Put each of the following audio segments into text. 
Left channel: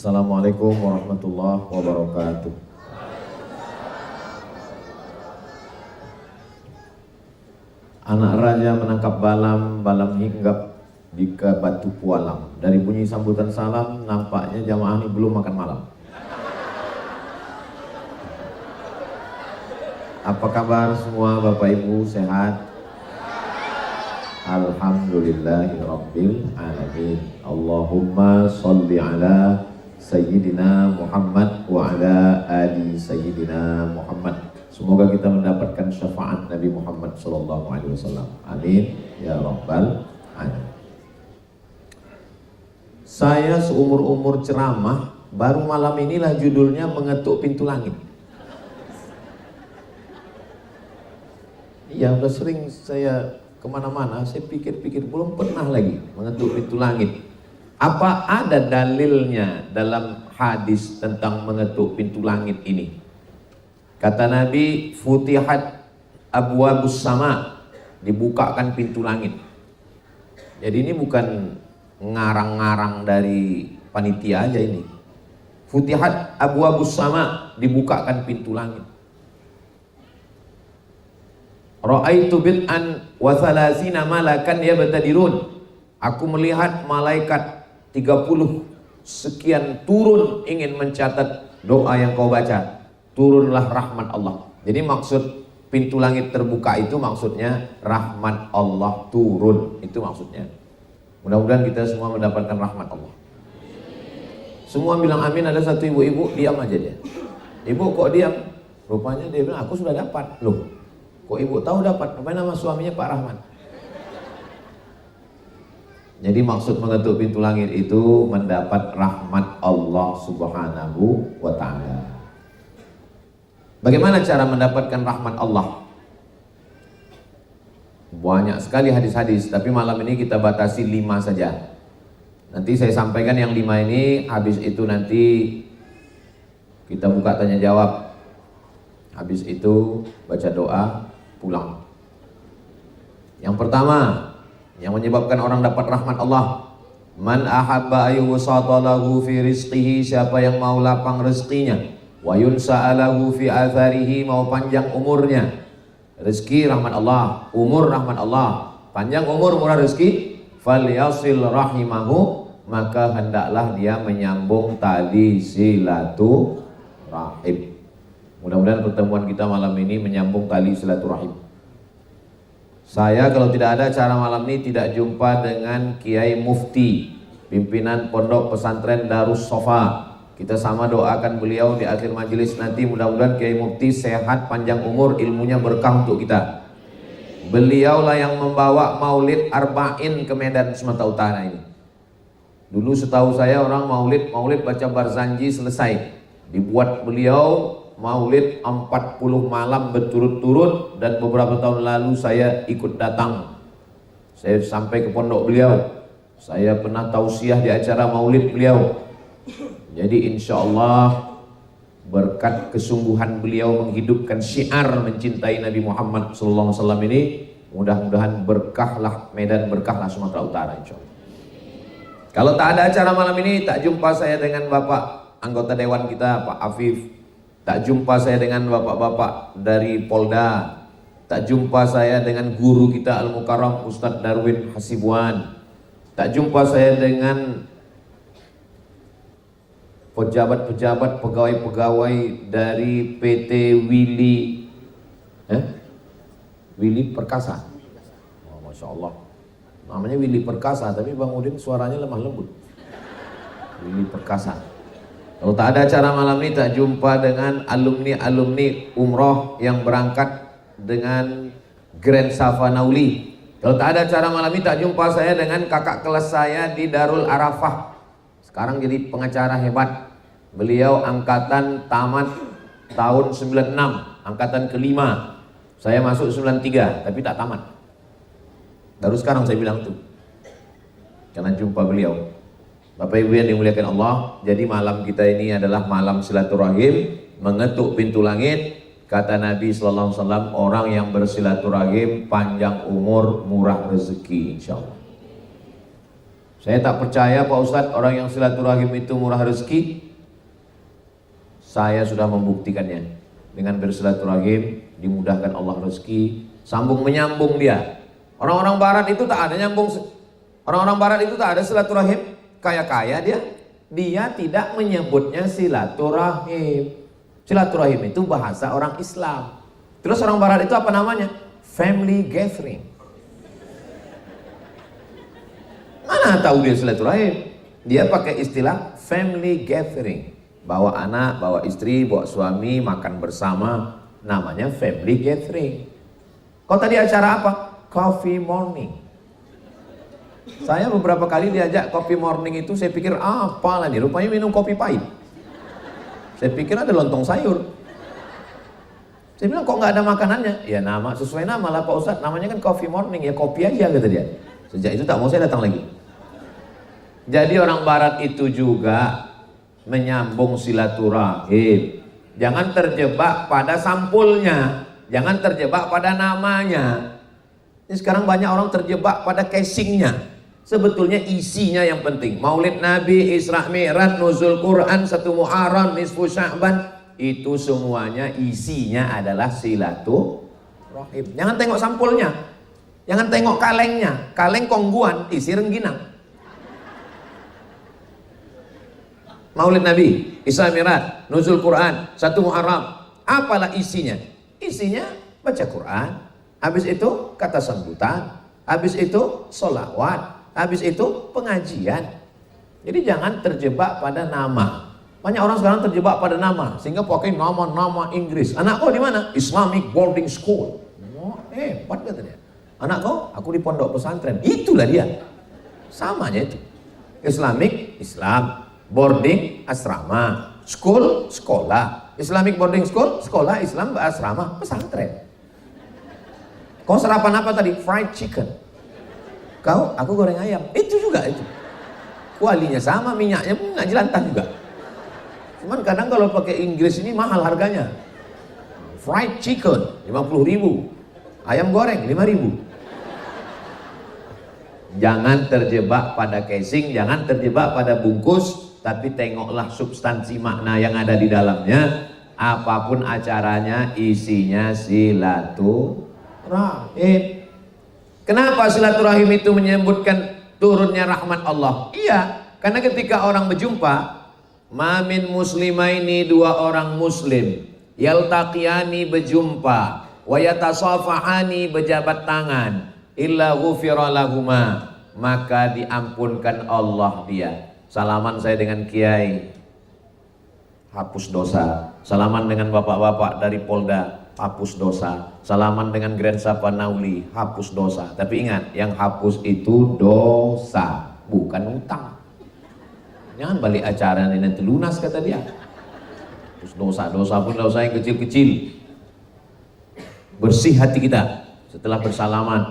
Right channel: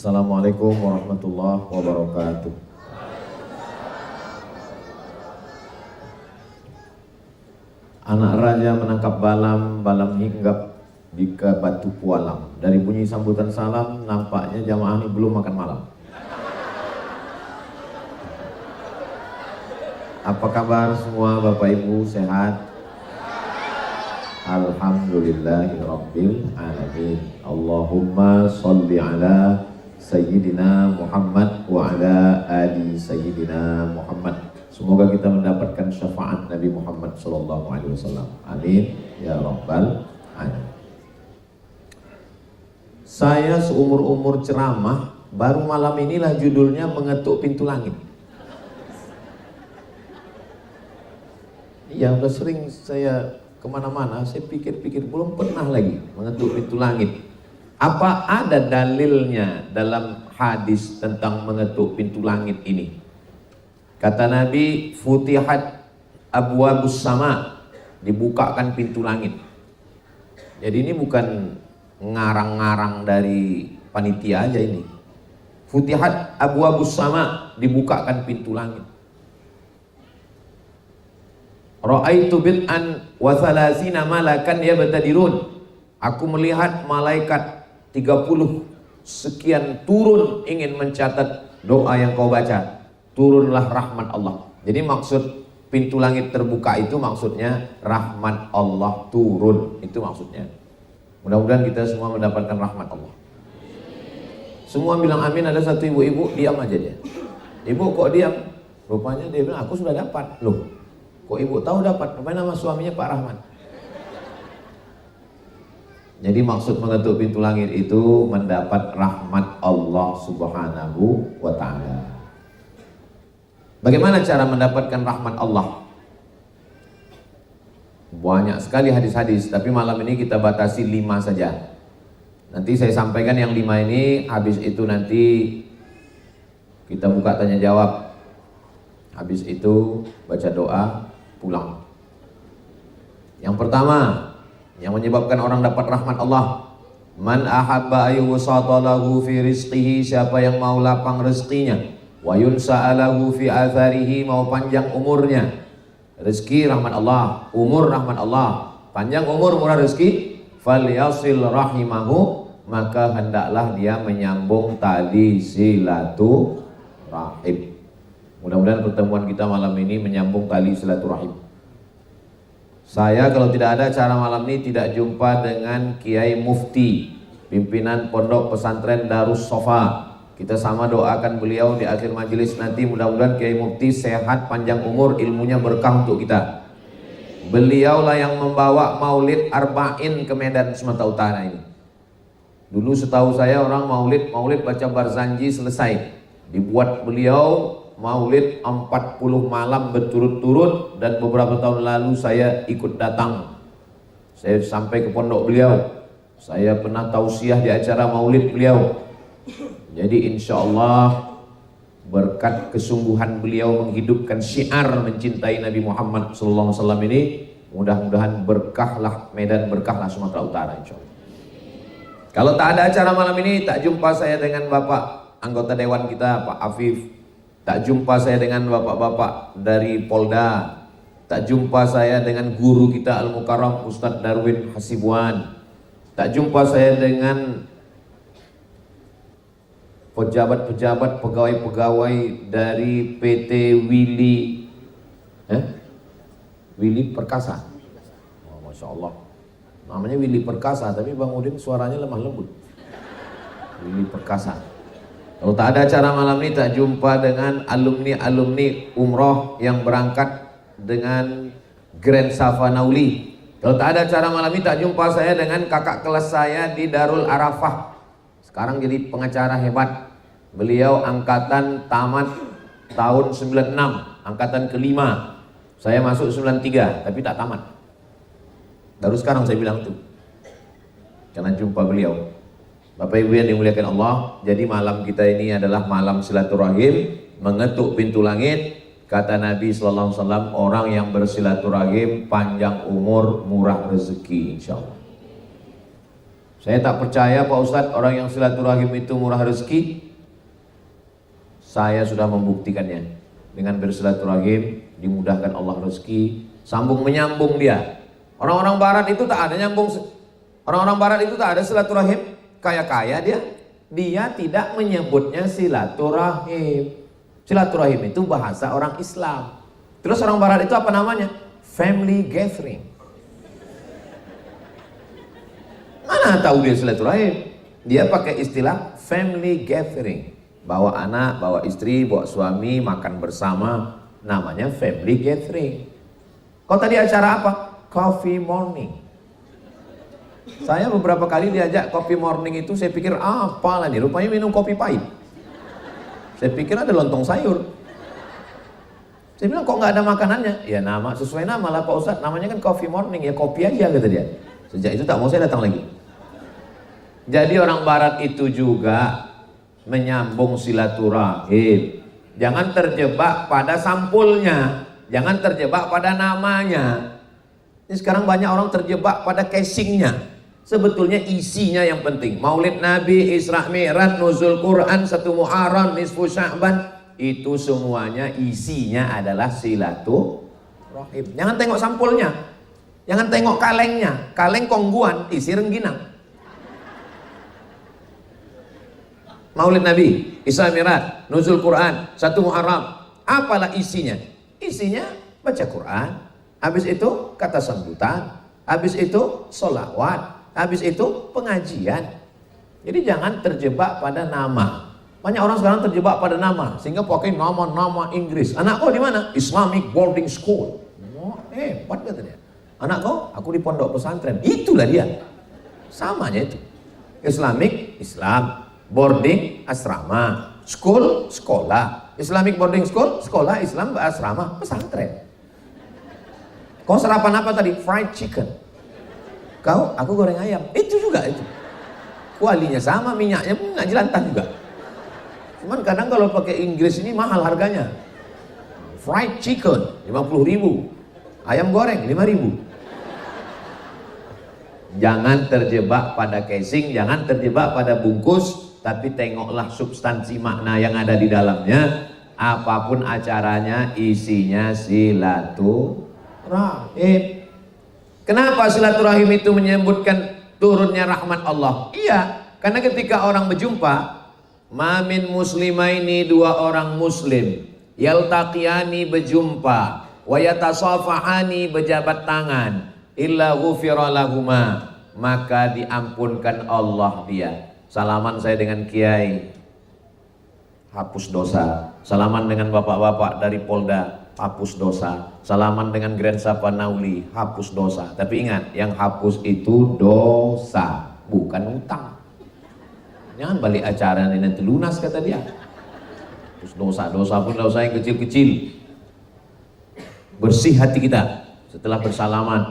Assalamualaikum warahmatullahi wabarakatuh. Anak raja menangkap balam, balam hinggap di ke batu kualang. Dari bunyi sambutan salam, nampaknya jamaah ini belum makan malam. Apa kabar semua Bapak Ibu, sehat? Alhamdulillahirabbil alamin. Allahumma sholli ala Sayyidina Muhammad wa ala ali Sayyidina Muhammad. Semoga kita mendapatkan syafaat Nabi Muhammad sallallahu alaihi wasallam. Amin ya rabbal alamin. Saya seumur-umur ceramah, baru malam inilah judulnya mengetuk pintu langit. Yang sering saya kemana-mana, saya pikir-pikir belum pernah lagi mengetuk pintu langit. Apa ada dalilnya dalam hadis tentang mengetuk pintu langit ini? Kata Nabi, futihat abwabus sama, dibukakan pintu langit. Jadi ini bukan ngarang-ngarang dari panitia aja ini. Futihat abwabus sama, dibukakan pintu langit. Ra'aitu bid'an wa thalathina malakan yabtadirun. Aku melihat malaikat 30 sekian turun ingin mencatat doa yang kau baca. Turunlah rahmat Allah. Jadi maksud pintu langit terbuka itu maksudnya rahmat Allah turun. Itu maksudnya. Mudah-mudahan kita semua mendapatkan rahmat Allah. Semua bilang amin. Ada satu ibu-ibu diam aja dia. Ibu kok diam? Rupanya dia bilang aku sudah dapat. Loh, kok ibu tahu dapat? Rupanya nama suaminya Pak Rahman. Jadi maksud mengetuk pintu langit itu mendapat rahmat Allah Subhanahu wa ta'ala. Bagaimana cara mendapatkan rahmat Allah? Banyak sekali hadis-hadis, tapi malam ini kita batasi 5 saja. Nanti saya sampaikan yang 5 ini, habis itu nanti kita buka tanya jawab. Habis itu baca doa, pulang. Yang pertama, yang menyebabkan orang dapat rahmat Allah, man ahabba ayyusata lahu fi rizqihi, siapa yang mau lapang rezekinya, wa yunsa'alahu fi atharihi, mau panjang umurnya. Rezeki rahmat Allah, umur rahmat Allah, panjang umur murah rezeki. Falyasil rahimahu, maka hendaklah dia menyambung tali silaturahim. Mudah-mudahan pertemuan kita malam ini menyambung tali silaturahim. Saya kalau tidak ada acara malam ini tidak jumpa dengan Kiai Mufti, pimpinan Pondok Pesantren Darus Sofa. Kita sama doakan beliau di akhir majelis nanti, mudah-mudahan Kiai Mufti sehat, panjang umur, ilmunya berkah untuk kita. Beliaulah yang membawa Maulid Arba'in ke Medan Sumatera Utara ini. Dulu setahu saya orang Maulid baca Barzanji selesai. Dibuat beliau Maulid 40 malam berturut-turut, dan beberapa tahun lalu saya ikut datang. Saya sampai ke pondok beliau. Saya pernah tausiah di acara Maulid beliau. Jadi insya Allah berkat kesungguhan beliau menghidupkan syiar mencintai Nabi Muhammad SAW ini, mudah-mudahan berkahlah Medan, berkahlah Sumatera Utara insya Allah. Kalau tak ada acara malam ini, tak jumpa saya dengan Bapak anggota Dewan kita Pak Afif. Tak jumpa saya dengan bapak-bapak dari Polda. Tak jumpa saya dengan guru kita Al-Mukarram Ustadz Darwin Hasibuan. Tak jumpa saya dengan pejabat-pejabat, pegawai-pegawai dari PT Willy Perkasa. Oh, Masya Allah. Namanya Willy Perkasa, tapi Bang Udin suaranya lemah lembut. Willy Perkasa. Kalau tak ada acara malam ini, tak jumpa dengan alumni umroh yang berangkat dengan Grand Safanauli. Kalau tak ada acara malam ini, tak jumpa saya dengan kakak kelas saya di Darul Arafah. Sekarang jadi pengacara hebat. Beliau angkatan tamat tahun 96, angkatan kelima. Saya masuk 93, tapi tak tamat. Baru sekarang saya bilang tuh, jangan jumpa beliau. Bapak Ibu yang dimuliakan Allah, jadi malam kita ini adalah malam silaturahim, mengetuk pintu langit. Kata Nabi Sallallahu Alaihi Wasallam, orang yang bersilaturahim panjang umur, murah rezeki, insya Allah. Saya tak percaya Pak Ustadz orang yang silaturahim itu murah rezeki. Saya sudah membuktikannya. Dengan bersilaturahim dimudahkan Allah rezeki, sambung menyambung dia. Orang-orang barat itu tak ada nyambung. Orang-orang barat itu tak ada silaturahim. Kaya-kaya dia tidak menyebutnya silaturahim. Silaturahim itu bahasa orang Islam. Terus orang barat itu apa namanya? Family gathering. Mana tahu dia silaturahim? Dia pakai istilah family gathering. Bawa anak, bawa istri, bawa suami, makan bersama. Namanya family gathering. Kalau tadi acara apa? Coffee morning. Saya beberapa kali diajak coffee morning itu, saya pikir apalah nih, rupanya minum kopi pahit. Saya pikir ada lontong sayur. Saya bilang kok nggak ada makanannya? Ya nama, sesuai nama lah Pak Ustadz, namanya kan coffee morning, ya kopi aja kata dia. Sejak itu tak mau saya datang lagi. Jadi orang barat itu juga menyambung silaturahim. Jangan terjebak pada sampulnya, jangan terjebak pada namanya. Ini sekarang banyak orang terjebak pada casingnya. Sebetulnya isinya yang penting. Maulid Nabi, Isra Mi'raj, Nuzul Quran, 1 Muharram, Nisfu Sya'ban, itu semuanya isinya adalah silaturahim. Jangan tengok sampulnya, jangan tengok kalengnya. Kaleng kongguan, isi rengginang. Maulid Nabi, Isra Mi'raj, Nuzul Quran, 1 Muharram, apalah isinya? Isinya baca Quran, habis itu kata sambutan, habis itu sholawat, habis itu pengajian. Jadi jangan terjebak pada nama. Banyak orang sekarang terjebak pada nama, sehingga pakai nama-nama Inggris. Anak kau di mana? Islamic boarding school. Pakai tidak? Anak kau? Aku di pondok pesantren. Itulah dia. Samanya itu. Islamic, Islam. Boarding, asrama. School, sekolah. Islamic boarding school, sekolah Islam, asrama, pesantren. Kau sarapan apa tadi? Fried chicken. Kau, aku goreng ayam. Itu juga itu. Kualinya sama, minyaknya pun nggak jelantah juga. Cuman kadang kalau pakai Inggris ini mahal harganya. Fried chicken 50.000. Ayam goreng 5.000. Jangan terjebak pada casing, jangan terjebak pada bungkus, tapi tengoklah substansi makna yang ada di dalamnya. Apapun acaranya, isinya silaturahim. Kenapa silaturahim itu menyebutkan turunnya rahmat Allah? Iya, karena ketika orang berjumpa, mamin muslimaini, 2 orang muslim, yaltaqiyani berjumpa, wa yatasafahani berjabat tangan, illa ghufira lahuma, maka diampunkan Allah dia. Salaman saya dengan kiai, hapus dosa. Salaman dengan bapak-bapak dari Polda, hapus dosa. Salaman dengan Grand Sapa Nauli, hapus dosa. Tapi ingat, yang hapus itu dosa, bukan utang. Jangan balik acara ini nanti lunas kata dia. Terus dosa-dosa pun dosa yang kecil-kecil. Bersih hati kita setelah bersalaman.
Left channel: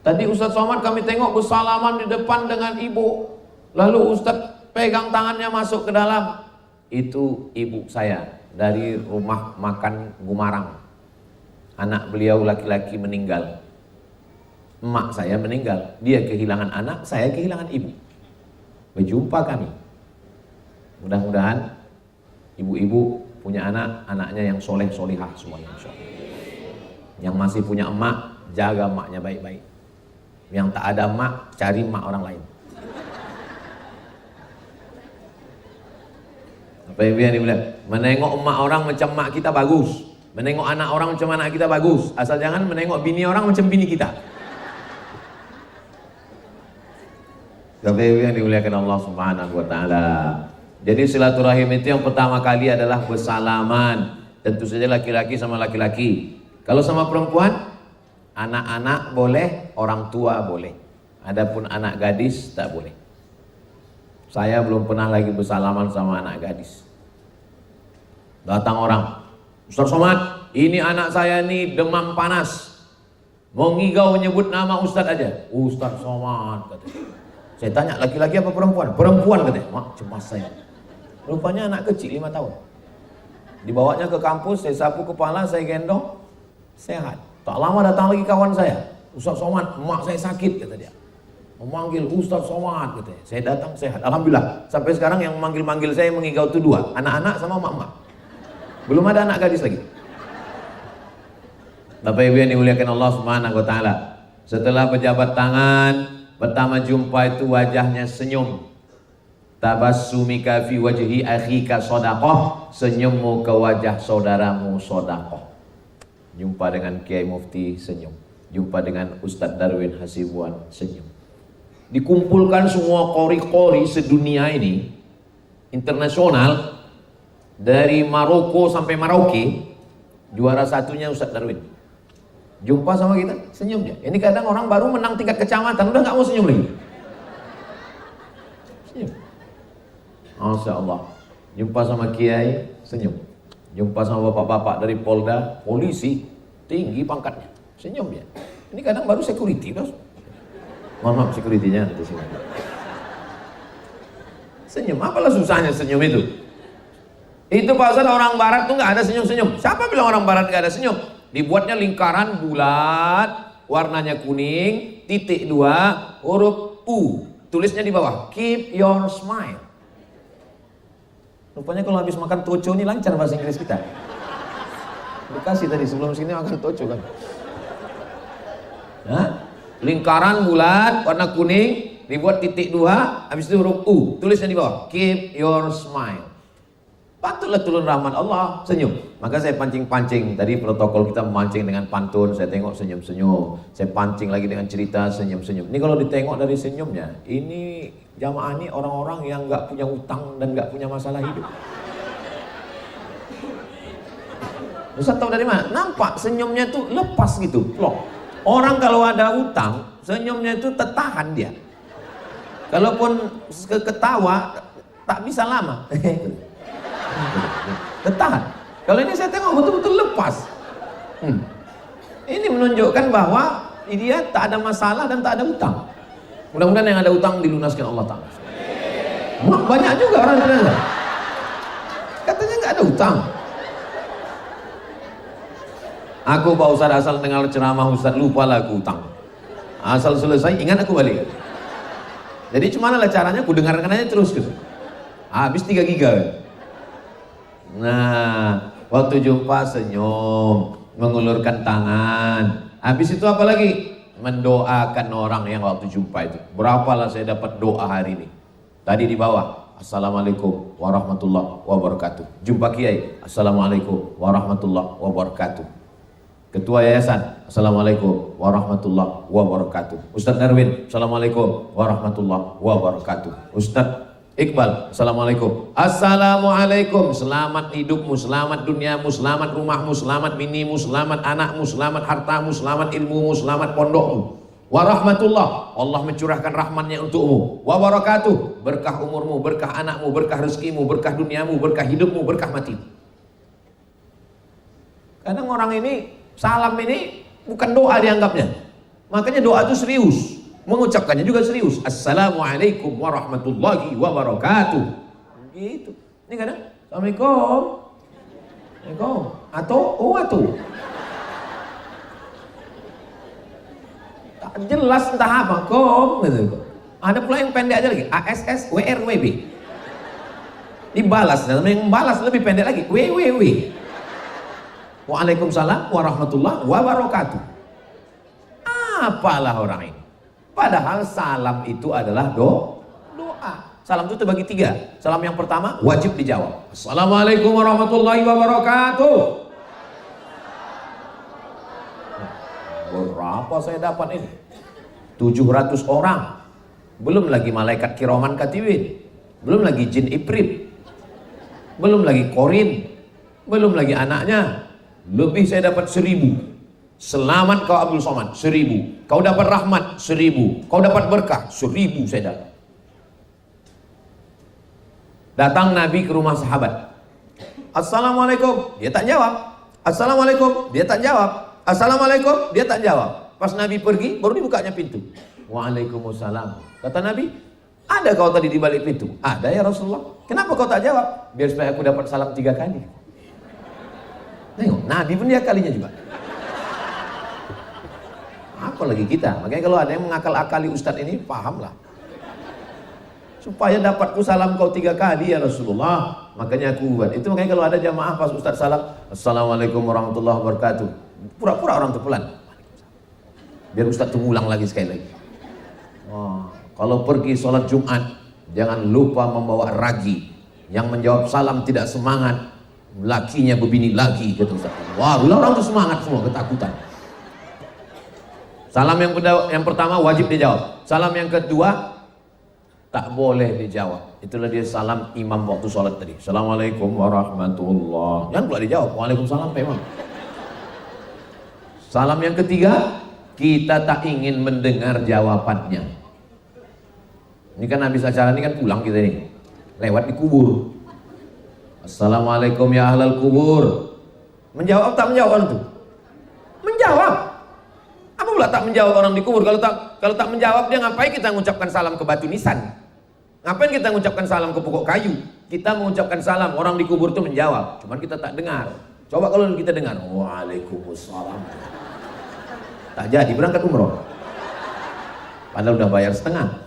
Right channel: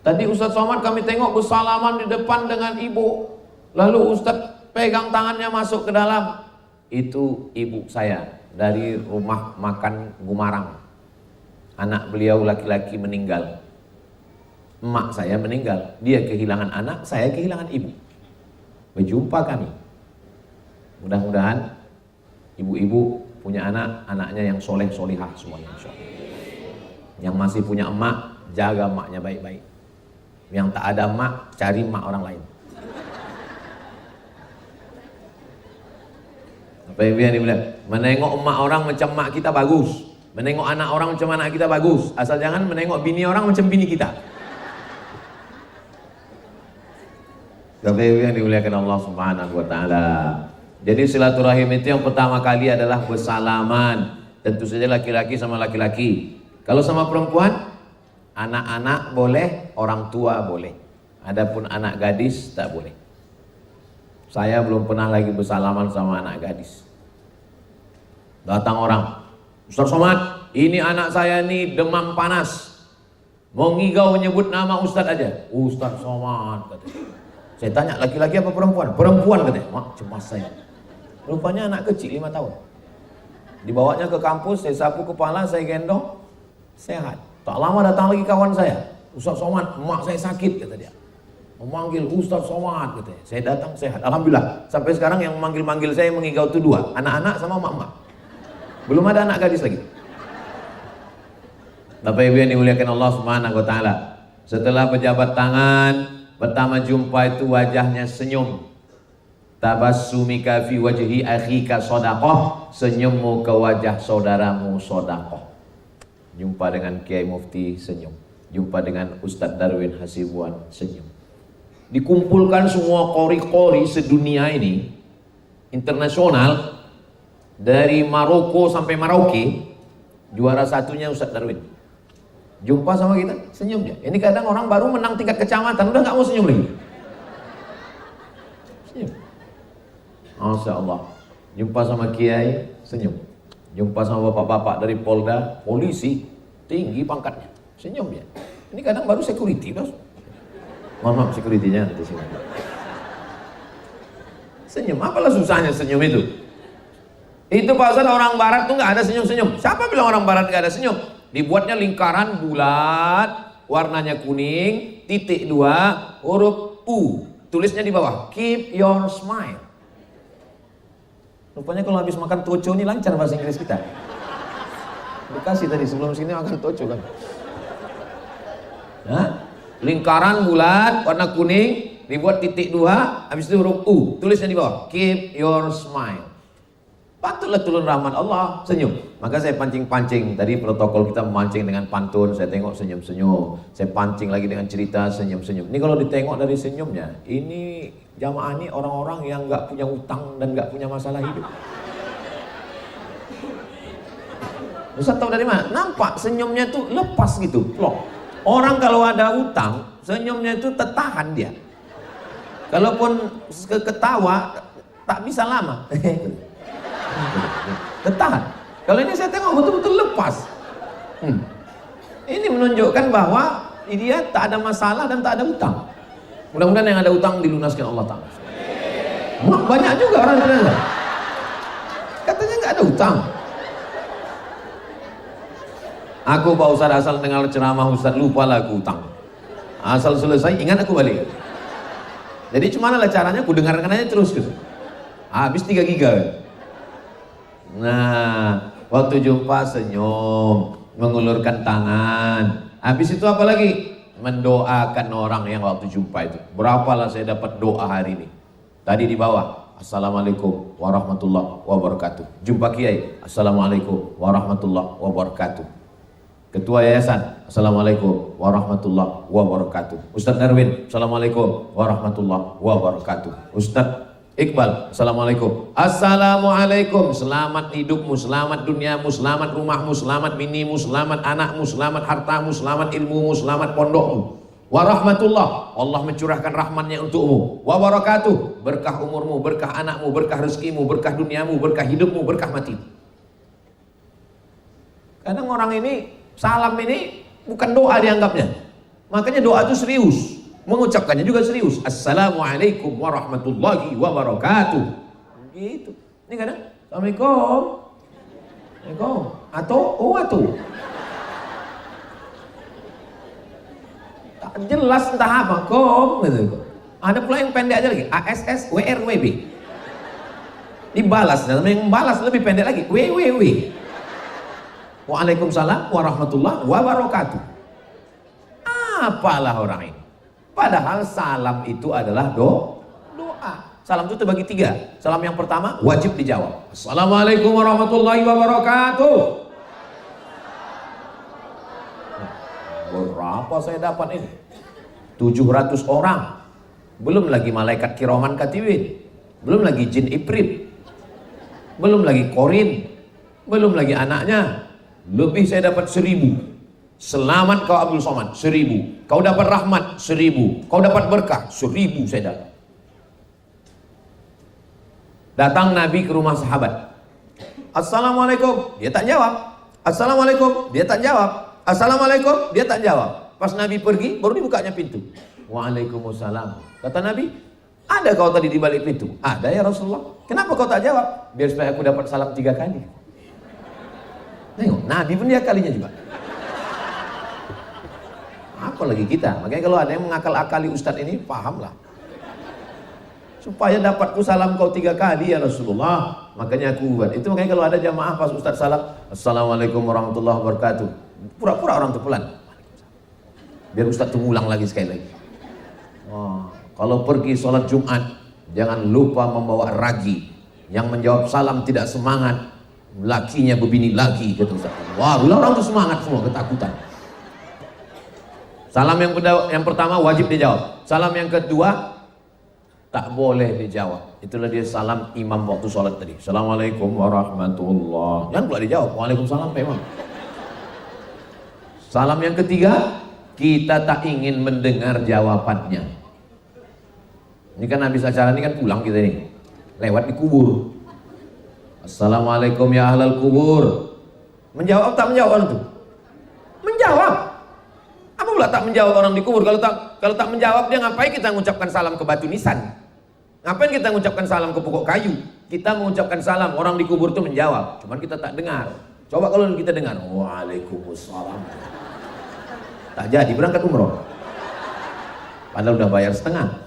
Tadi Ustadz Somad kami tengok bersalaman di depan dengan ibu. Lalu Ustadz pegang tangannya masuk ke dalam. Itu ibu saya dari rumah makan Gumarang. Anak beliau laki-laki meninggal. Emak saya meninggal. Dia kehilangan anak, saya kehilangan ibu. Berjumpa kami. Mudah-mudahan ibu-ibu punya anak, anaknya yang soleh solihah semuanya. Yang masih punya emak, jaga emaknya baik-baik. Yang tak ada emak, cari emak orang lain. Apa yang dibilang? Menengok emak orang macam emak kita bagus. Menengok anak orang macam anak kita bagus. Asal jangan menengok bini orang macam bini kita. Tapi yang dimuliakan Allah Subhanahu wa taala. Jadi silaturahim itu yang pertama kali adalah bersalaman. Tentu saja laki-laki sama laki-laki. Kalau sama perempuan, anak-anak boleh, orang tua boleh. Adapun anak gadis tak boleh. Saya belum pernah lagi bersalaman sama anak gadis. Datang orang, Ustaz Somad, ini anak saya nih demam panas. Mau ngigau nyebut nama Ustaz aja. Ustaz Somad katanya. Saya tanya laki-laki apa perempuan? Perempuan katanya. Mak, cemas saya. Rupanya anak kecil 5 tahun. Dibawanya ke kampus, saya sapu kepala, saya gendong, sehat. Tak lama datang lagi kawan saya. Ustaz Somad, emak saya sakit kata dia. memanggil Ustaz Somad katanya. Saya datang sehat, alhamdulillah. Sampai sekarang yang memanggil saya mengigau itu 2, anak-anak sama emak-emak. Belum ada anak gadis lagi. Bapak Ibu yang dimuliakan Allah Subhanahu wa taala. Setelah berjabat tangan, pertama jumpa itu wajahnya senyum. Tabassumika fi wajhi akhika shadaqah, senyummu ke wajah saudaramu sedekah. Jumpa dengan Kiai Mufti senyum. Jumpa dengan Ustadz Darwin Hasibuan senyum. Dikumpulkan semua qori-qori sedunia ini, internasional, dari Maroko sampai Merauke, juara satunya Ustadz Darwin. Jumpa sama kita, senyum dia. Ini kadang orang baru menang 3 kecamatan, udah gak mau senyum nih. Masya Allah. Jumpa sama Kiai, senyum. Jumpa sama bapak-bapak dari Polda, polisi, tinggi pangkatnya, senyum dia. Ini kadang baru security, terus. Mohon maaf, security-nya nanti sini. Senyum, apalah susahnya senyum itu? Itu pasal orang barat tuh gak ada senyum-senyum. Siapa bilang orang barat gak ada senyum? Dibuatnya lingkaran bulat, warnanya kuning, titik 2, huruf U. Tulisnya di bawah, keep your smile. Rupanya kalau habis makan toco ini lancar masih Inggris kita. Bekasi tadi sebelum sini makan toco kan. Lingkaran bulat, warna kuning, dibuat titik 2, habis itu huruf U. Tulisnya di bawah, keep your smile. Pantullah turun rahmat Allah, senyum. Maka saya pancing-pancing. Tadi protokol kita memancing dengan pantun, saya tengok senyum-senyum. Saya pancing lagi dengan cerita senyum-senyum. Ini kalau ditengok dari senyumnya, ini jamaah ini orang-orang yang nggak punya utang dan nggak punya masalah hidup. Ustaz tahu dari mana? Nampak senyumnya tuh lepas gitu, plok. Orang kalau ada utang, senyumnya itu tertahan dia. Kalaupun ketawa, tak bisa lama. Tertahan. Kalau ini saya tengok betul-betul lepas. Ini menunjukkan bahwa dia tak ada masalah dan tak ada utang. Mudah-mudahan yang ada utang dilunaskan Allah Ta'ala. Banyak juga orang-orang katanya gak ada utang. Aku Pak Ustaz asal dengar ceramah Ustaz lupa lagu utang. Asal selesai ingat aku balik. Jadi cuman lah caranya aku dengarkan aja terus gitu. Habis 3 giga. Nah, waktu jumpa senyum, mengulurkan tangan. Habis itu apa lagi? Mendoakan orang yang waktu jumpa itu. Berapalah saya dapat doa hari ini. Tadi di bawah, Assalamualaikum warahmatullahi wabarakatuh. Jumpa Kiai, Assalamualaikum warahmatullahi wabarakatuh. Ketua Yayasan, Assalamualaikum warahmatullahi wabarakatuh. Ustadz Darwin, Assalamualaikum warahmatullahi wabarakatuh. Ustadz Iqbal, Assalamualaikum. Assalamualaikum, selamat hidupmu, selamat duniamu, selamat rumahmu, selamat binimu, selamat anakmu, selamat hartamu, selamat ilmumu, selamat pondokmu. Warahmatullah, Allah mencurahkan rahmatnya untukmu. Wabarakatuh, berkah umurmu, berkah anakmu, berkah rezekimu, berkah duniamu, berkah hidupmu, berkah matimu. Kadang orang ini, salam ini bukan doa dianggapnya. Makanya doa itu serius. Mengucapkannya juga serius. Assalamualaikum warahmatullahi wabarakatuh. Gitu. Ini kadang Assalamualaikum. Assalamualaikum. Atau. Tak jelas entah apa. Gitu. Ada pula yang pendek aja lagi. ASS WRWB. Dibalas. Dan yang membalas lebih pendek lagi. WWW. Waalaikumsalam warahmatullahi wabarakatuh. Apalah orang ini. Padahal salam itu adalah doa. Salam itu terbagi 3. Salam yang pertama wajib dijawab. Assalamualaikum warahmatullahi wabarakatuh. Berapa saya dapat ini? 700 orang. Belum lagi malaikat kiraman katibin. Belum lagi jin ifrit. Belum lagi korin. Belum lagi anaknya. Lebih saya dapat 1000. Selamat kau Abdul Somad, 1000. Kau dapat rahmat, 1000. Kau dapat berkah, 1000 saya dapat. Datang Nabi ke rumah sahabat. Assalamualaikum, dia tak jawab. Assalamualaikum, dia tak jawab. Assalamualaikum, dia tak jawab. Pas Nabi pergi, baru dibukanya pintu. Waalaikumsalam. Kata Nabi, ada kau tadi di balik pintu? Ada ya Rasulullah. Kenapa kau tak jawab? Biar supaya aku dapat salam 3 kali. Tengok, Nabi pun dia kalinya juga. Apalagi kita. Makanya kalau ada yang mengakal-akali Ustadz ini, pahamlah. Supaya dapatku salam kau 3 kali ya Rasulullah, makanya aku buat. Itu makanya kalau ada jamaah pas Ustadz salam, Assalamualaikum warahmatullahi wabarakatuh. Pura-pura orang tuh pelan. Biar Ustadz tuh ngulang lagi sekali lagi. Oh, kalau pergi sholat Jumat, jangan lupa membawa raji. Yang menjawab salam tidak semangat, lakinya berbini lagi, kata Ustaz. Wah, orang tuh semangat semua, ketakutan. Salam yang pertama wajib dijawab. Salam yang kedua tak boleh dijawab. Itulah dia salam imam waktu sholat tadi. Assalamualaikum warahmatullahi. Jangan pula dijawab. Waalaikumsalam Pak Imam. Salam yang ketiga, kita tak ingin mendengar jawabannya. Ini kan habis acara ini kan pulang kita nih. Lewat di kubur. Assalamualaikum ya ahlal kubur. Menjawab tak menjawab itu? Menjawab. Apa pula tak menjawab orang di kubur? Kalau tak menjawab, dia ngapain kita mengucapkan salam ke batu nisan? Ngapain kita mengucapkan salam ke pokok kayu? Kita mengucapkan salam, orang di kubur itu menjawab. Cuman kita tak dengar. Coba kalau kita dengar, waalaikumsalam. Tak jadi berangkat umroh. Padahal udah bayar setengah.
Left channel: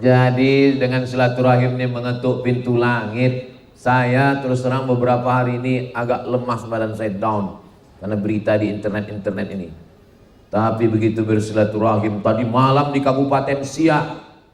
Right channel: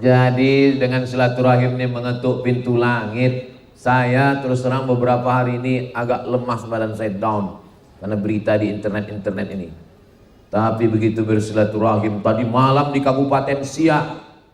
Jadi dengan silaturahim ini mengetuk pintu langit. Saya terus terang beberapa hari ini agak lemas, badan saya down karena berita di internet ini. Tapi begitu bersilaturahim tadi malam di Kabupaten Siak,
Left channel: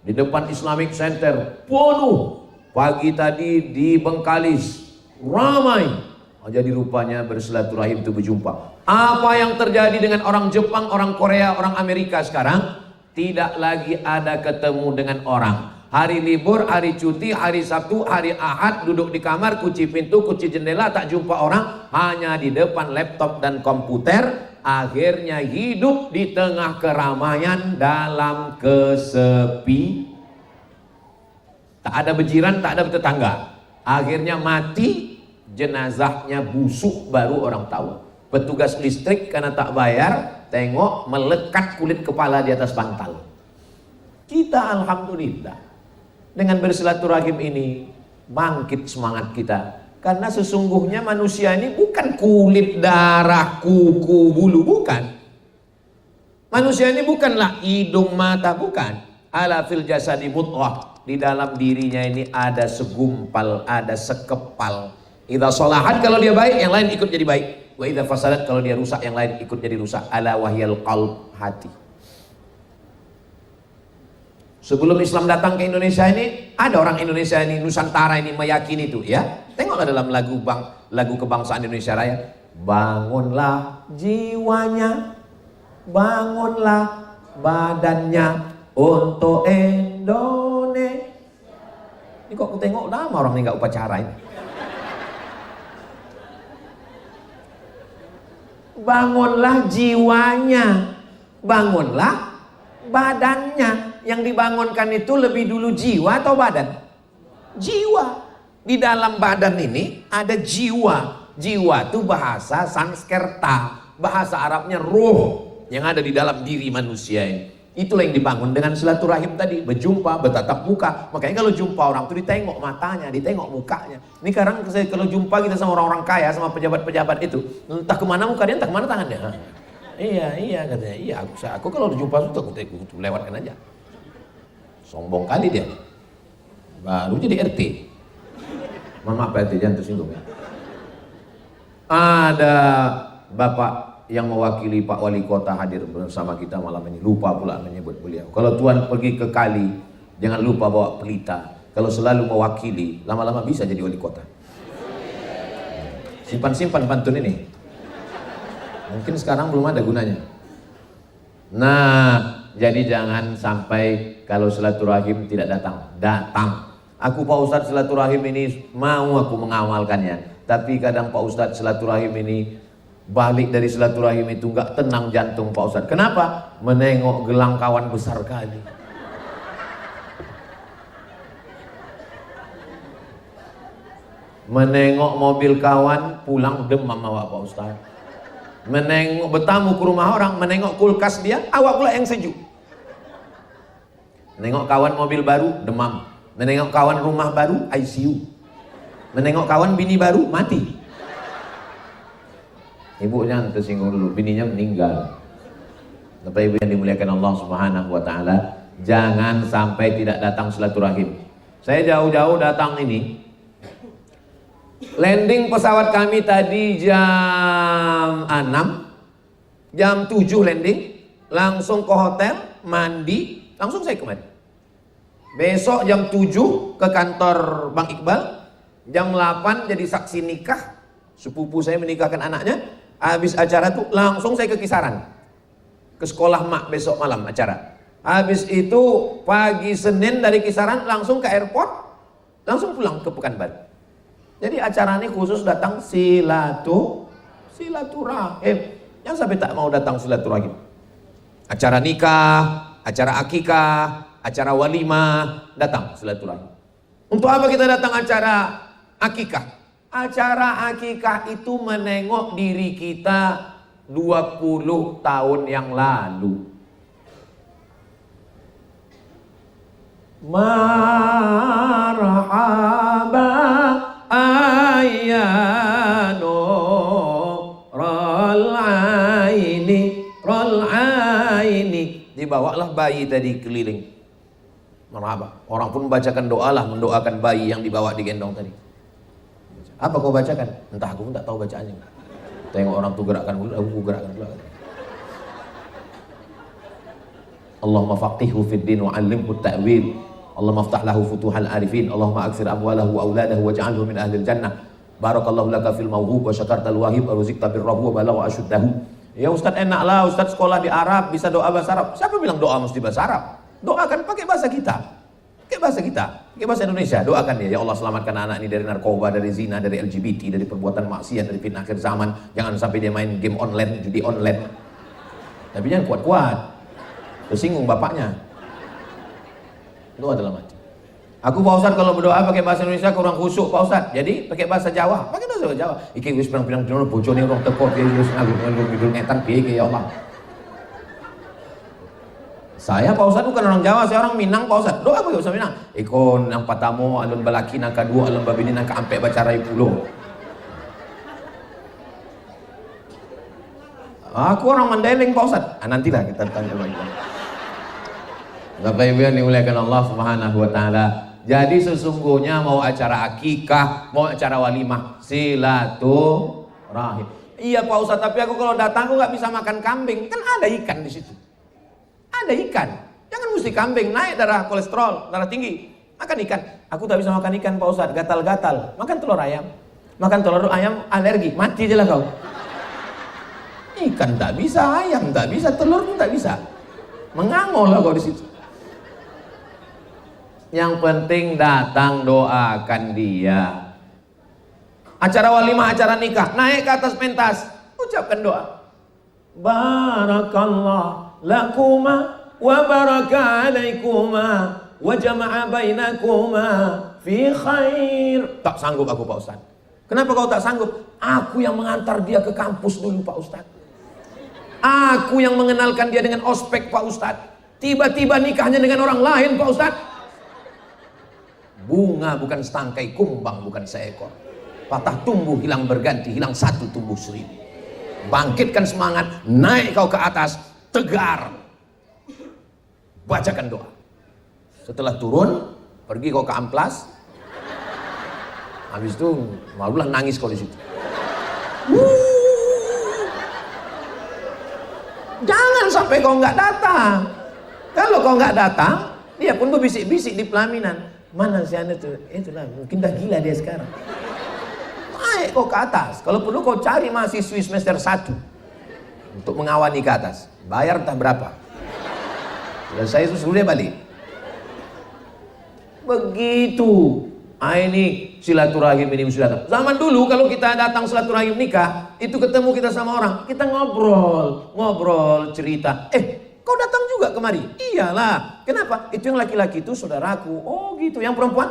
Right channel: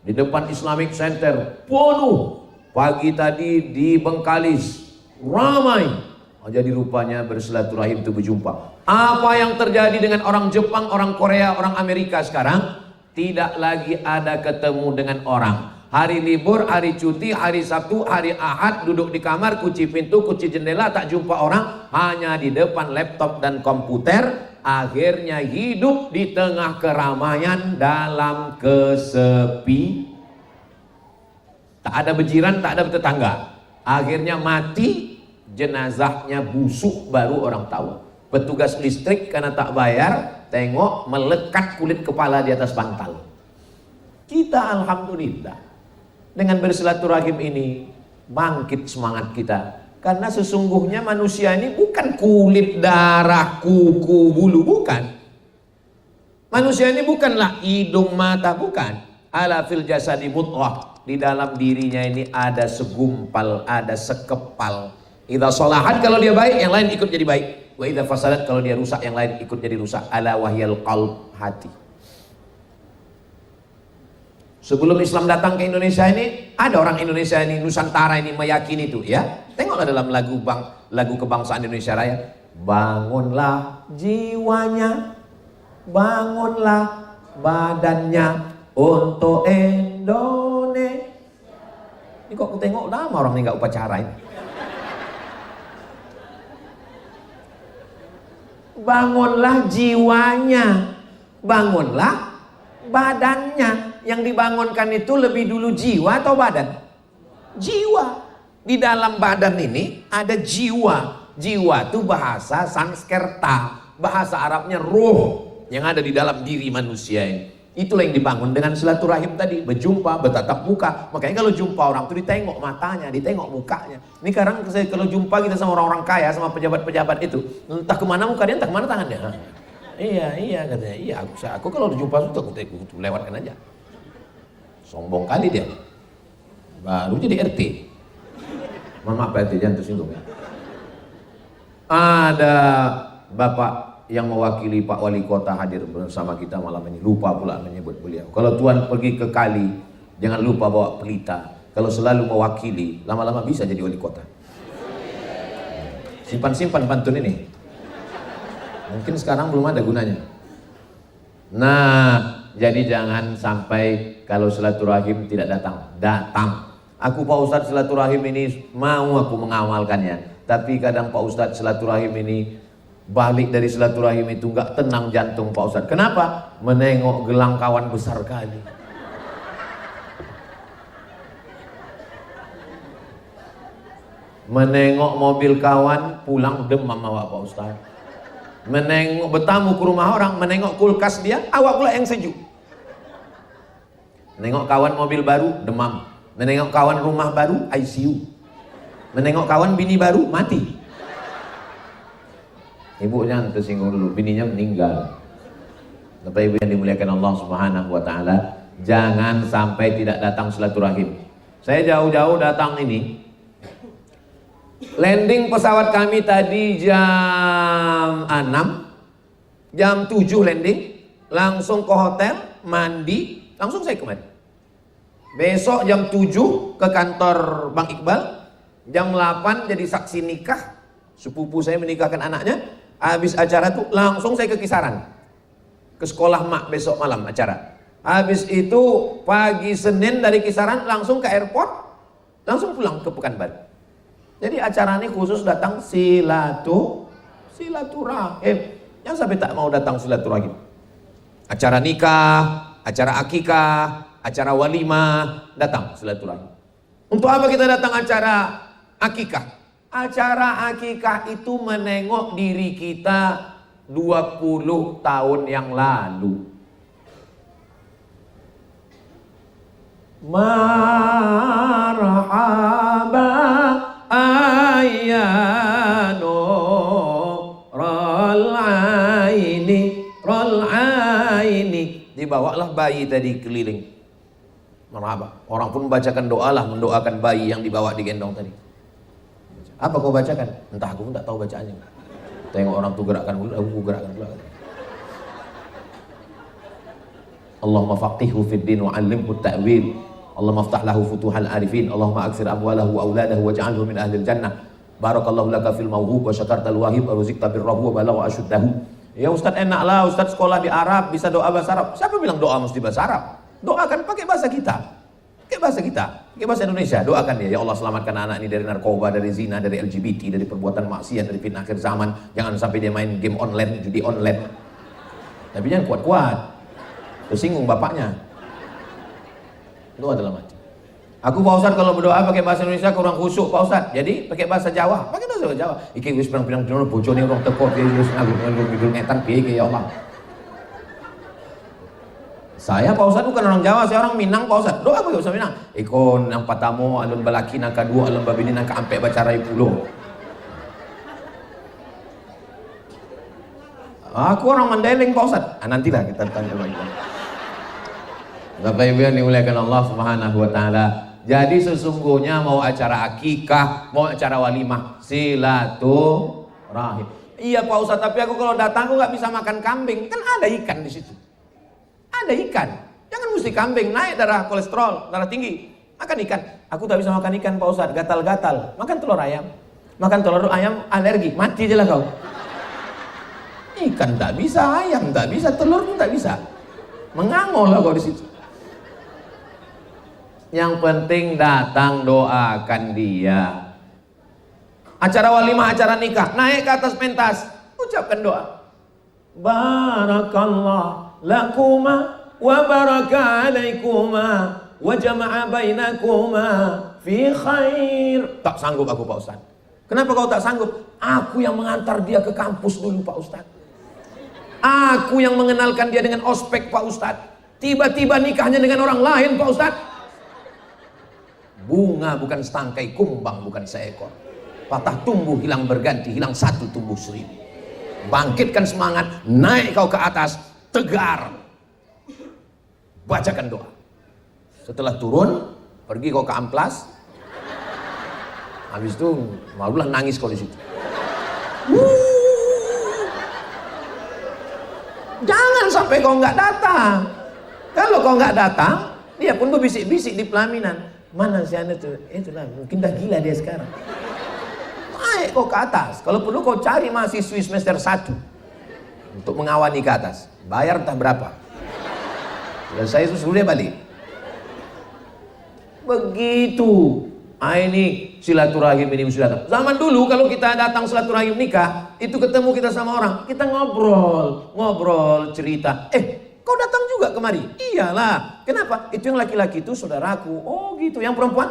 di depan Islamic Center penuh. Pagi tadi di Bengkalis ramai. Jadi rupanya bersilaturahim itu berjumpa. Apa yang terjadi dengan orang Jepang, orang Korea, orang Amerika sekarang? Tidak lagi ada ketemu dengan orang. Hari libur, hari cuti, hari Sabtu, hari Ahad, duduk di kamar, kunci pintu, kunci jendela, tak jumpa orang. Hanya di depan laptop dan komputer. Akhirnya hidup di tengah keramaian dalam kesepi. Tak ada bejiran, tak ada tetangga. Akhirnya mati, jenazahnya busuk baru orang tahu. Petugas listrik karena tak bayar, tengok melekat kulit kepala di atas bantal. Kita alhamdulillah dengan bersilaturahim ini bangkit semangat kita. Karena sesungguhnya manusia ini bukan kulit, darah, kuku, bulu, bukan. Manusia ini bukanlah hidung, mata, bukan. Ala fil jasadi mudghah. Di dalam dirinya ini ada segumpal, ada sekepal. Idza sholahat, kalau dia baik, yang lain ikut jadi baik. Wa idza fasadat, kalau dia rusak, yang lain ikut jadi rusak. Ala wahyal qalb, hati. Sebelum Islam datang ke Indonesia ini, ada orang Indonesia ini, Nusantara ini meyakini itu, ya. Tengoklah dalam lagu kebangsaan Indonesia Raya. Bangunlah jiwanya, bangunlah badannya untuk Indonesia. Ini kok aku tengok lama orang ini nggak upacara ini. Bangunlah jiwanya, bangunlah badannya. Yang dibangunkan itu lebih dulu jiwa atau badan? Jiwa. Di dalam badan ini ada jiwa. Jiwa itu bahasa Sanskerta, bahasa Arabnya ruh yang ada di dalam diri manusia ini. Itulah yang dibangun dengan silaturahim tadi, berjumpa, bertatap muka. Makanya kalau jumpa orang itu ditengok matanya, ditengok mukanya. Ini sekarang kalau jumpa kita sama orang-orang kaya, sama pejabat-pejabat itu, entah kemana mukanya, entah kemana tangannya. Iya katanya. Iya, aku kalau jumpa itu aku lewatkan aja. Sombong kali dia. Baru jadi RT. Mohon maaf Pak RT, jangan tersinggung ya. Ada Bapak yang mewakili Pak Wali Kota hadir bersama kita malam ini. Lupa pula menyebut beliau. Kalau Tuan pergi ke kali, jangan lupa bawa pelita. Kalau selalu mewakili, lama-lama bisa jadi wali kota. Simpan-simpan pantun ini. Mungkin sekarang belum ada gunanya. Nah, jadi jangan sampai kalau silaturahim tidak datang. Datang. Aku Pak Ustadz silaturahim ini mau aku mengamalkannya. Tapi kadang Pak Ustadz silaturahim ini balik dari silaturahim itu nggak tenang jantung Pak Ustadz. Kenapa? Menengok gelang kawan besar kali. Menengok mobil kawan pulang demam awak Pak Ustadz. Menengok bertamu ke rumah orang, menengok kulkas dia, awak pula yang sejuk. Menengok kawan mobil baru, demam. Menengok kawan rumah baru, ICU. Menengok kawan bini baru, mati. Ibunya tersinggung dulu, bininya meninggal. Bapak Ibu yang dimuliakan Allah Subhanahu wa taala, jangan sampai tidak datang silaturahim. Saya jauh-jauh datang ini. Landing pesawat kami tadi jam 6. Jam 7 landing, langsung ke hotel, mandi, langsung saya kemari. Besok jam 7 ke kantor Bang Iqbal, jam 8 jadi saksi nikah. Sepupu saya menikahkan anaknya. Habis acara tuh langsung saya ke Kisaran. Ke sekolah mak besok malam acara. Habis itu pagi Senin dari Kisaran langsung ke airport, langsung pulang ke Pekanbaru. Jadi acara ini khusus datang silaturahim. Yang sampai tak mau datang silaturahim. Acara nikah, acara akikah, acara walimah, datang silaturahim. Untuk apa kita datang acara akikah? Acara akikah itu menengok diri kita 20 tahun yang lalu. Marhaba ayyano rol aini. Dibawalah bayi dari keliling. Orang pun bacakan doa lah, mendoakan bayi yang dibawa digendong tadi. Apa kau bacakan? Entah, aku tak tahu bacaannya. Tengok orang tuh gerakan dulu, aku gerakan dulu. Allahumma faqihhu fid din wa 'allimhu at-ta'wil. Allahumma aftah lahu futuhal arifin. Allahumma aksir amwalahu wa auladahu waj'alhu min ahli jannah. Barakallahu laka fil mawhub wa syakartal wahib wa rizqta birrahu wa balagha asyuddahu. Ya Ustaz, enak lah Ustaz sekolah di Arab bisa doa bahasa Arab. Siapa bilang doa mesti bahasa Arab? Doakan pakai bahasa kita. Pakai bahasa kita, pakai bahasa Indonesia. Doakan dia, ya Allah selamatkan anak ini dari narkoba, dari zina, dari LGBT, dari perbuatan maksiat, dari fitnah akhir zaman. Jangan sampai dia main game online, judi online. Tapi jangan kuat-kuat. Tersinggung bapaknya. Doa dalam hati. Aku Pak Ustadz kalau berdoa pakai bahasa Indonesia kurang khusyuk Pak Ustadz. Jadi pakai bahasa Jawa. Pakai bahasa Jawa. Iki wis pirang-pirang dino bojone urung teko piye wis nganggo ngetan piye ya Allah. Saya Pak Ustadz bukan orang Jawa, saya orang Minang Pak Ustadz. Doa pakai bahasa Minang. Ikon yang patamu alun balaki nang kadua alun babini nang kaampe bacarai pulo. Aku orang Mandailing Pak Ustadz. Nantilah kita tanya lagi. Bapak Ibu yang dimuliakan Allah Subhanahu wa taala. Jadi sesungguhnya mau acara akikah, mau acara walimah, silaturahim. Iya Pak Ustadz, tapi aku kalau datang aku nggak bisa makan kambing. Kan ada ikan di situ. Ada ikan. Jangan mesti kambing, naik darah kolesterol, darah tinggi. Makan ikan. Aku tak bisa makan ikan Pak Ustadz, gatal-gatal. Makan telur ayam. Makan telur ayam alergi, mati aja lah kau. Ikan tak bisa, ayam tak bisa, telur pun tak bisa. Mengangol lah kau di situ. Yang penting datang doakan dia. Acara walimah, acara nikah, naik ke atas pentas, ucapkan doa. Barakallah lakuma wa baraka alaikuma wa jama'a bainakuma fi khair. Tak sanggup aku Pak Ustadz. Kenapa kau tak sanggup? Aku yang mengantar dia ke kampus dulu Pak Ustadz. Aku yang mengenalkan dia dengan ospek Pak Ustadz. Tiba-tiba nikahnya dengan orang lain Pak Ustadz. Bunga bukan setangkai, kumbang bukan seekor. Patah tumbuh hilang berganti, hilang satu tumbuh seribu. Bangkitkan semangat, naik kau ke atas, tegar. Bacakan doa. Setelah turun, pergi kau ke amplas. Habis itu, malulah nangis kau di situ. Jangan sampai kau nggak datang. Kalau kau nggak datang, dia pun berbisik-bisik di pelaminan. Mana si anak tuh? Itulah, mungkin dah gila dia sekarang. Naik kau ke atas. Kalau perlu kau cari mahasiswi semester 1 untuk mengawani ke atas. Bayar tak berapa. Selesai sebenarnya balik. Begitu. Ini silaturahim ini silaturahim. Zaman dulu kalau kita datang silaturahim nikah, itu ketemu kita sama orang, kita ngobrol, cerita. Kau datang juga kemari? Iyalah. Kenapa? Itu yang laki-laki itu saudaraku. Oh gitu. Yang perempuan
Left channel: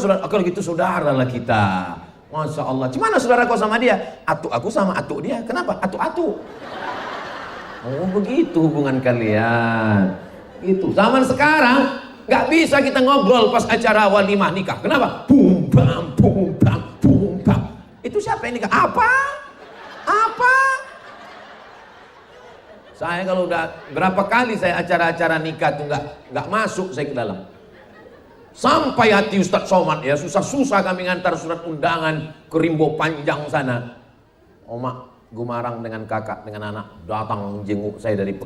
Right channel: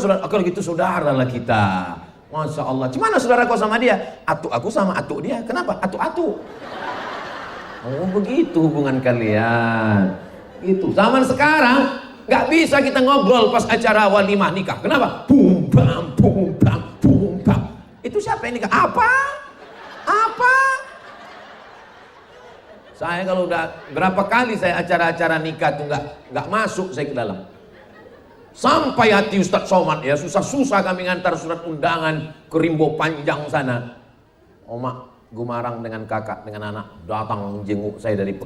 saudara. Kalau gitu saudara lah kita. Masya Allah. Gimana saudara kau sama dia? Atuk aku sama atuk dia. Kenapa? Atuk. Oh begitu hubungan kalian. Itu zaman sekarang nggak bisa kita ngobrol pas acara walimah nikah. Kenapa? Bum bam. Itu siapa yang nikah? Apa? apa? Saya kalau udah berapa kali saya acara-acara nikah tuh nggak masuk saya ke dalam. Sampai hati Ustaz Somad ya susah-susah kami ngantar surat undangan ke Rimbo Panjang sini. Marah dengan kakak dengan anak datang jenguk saya dari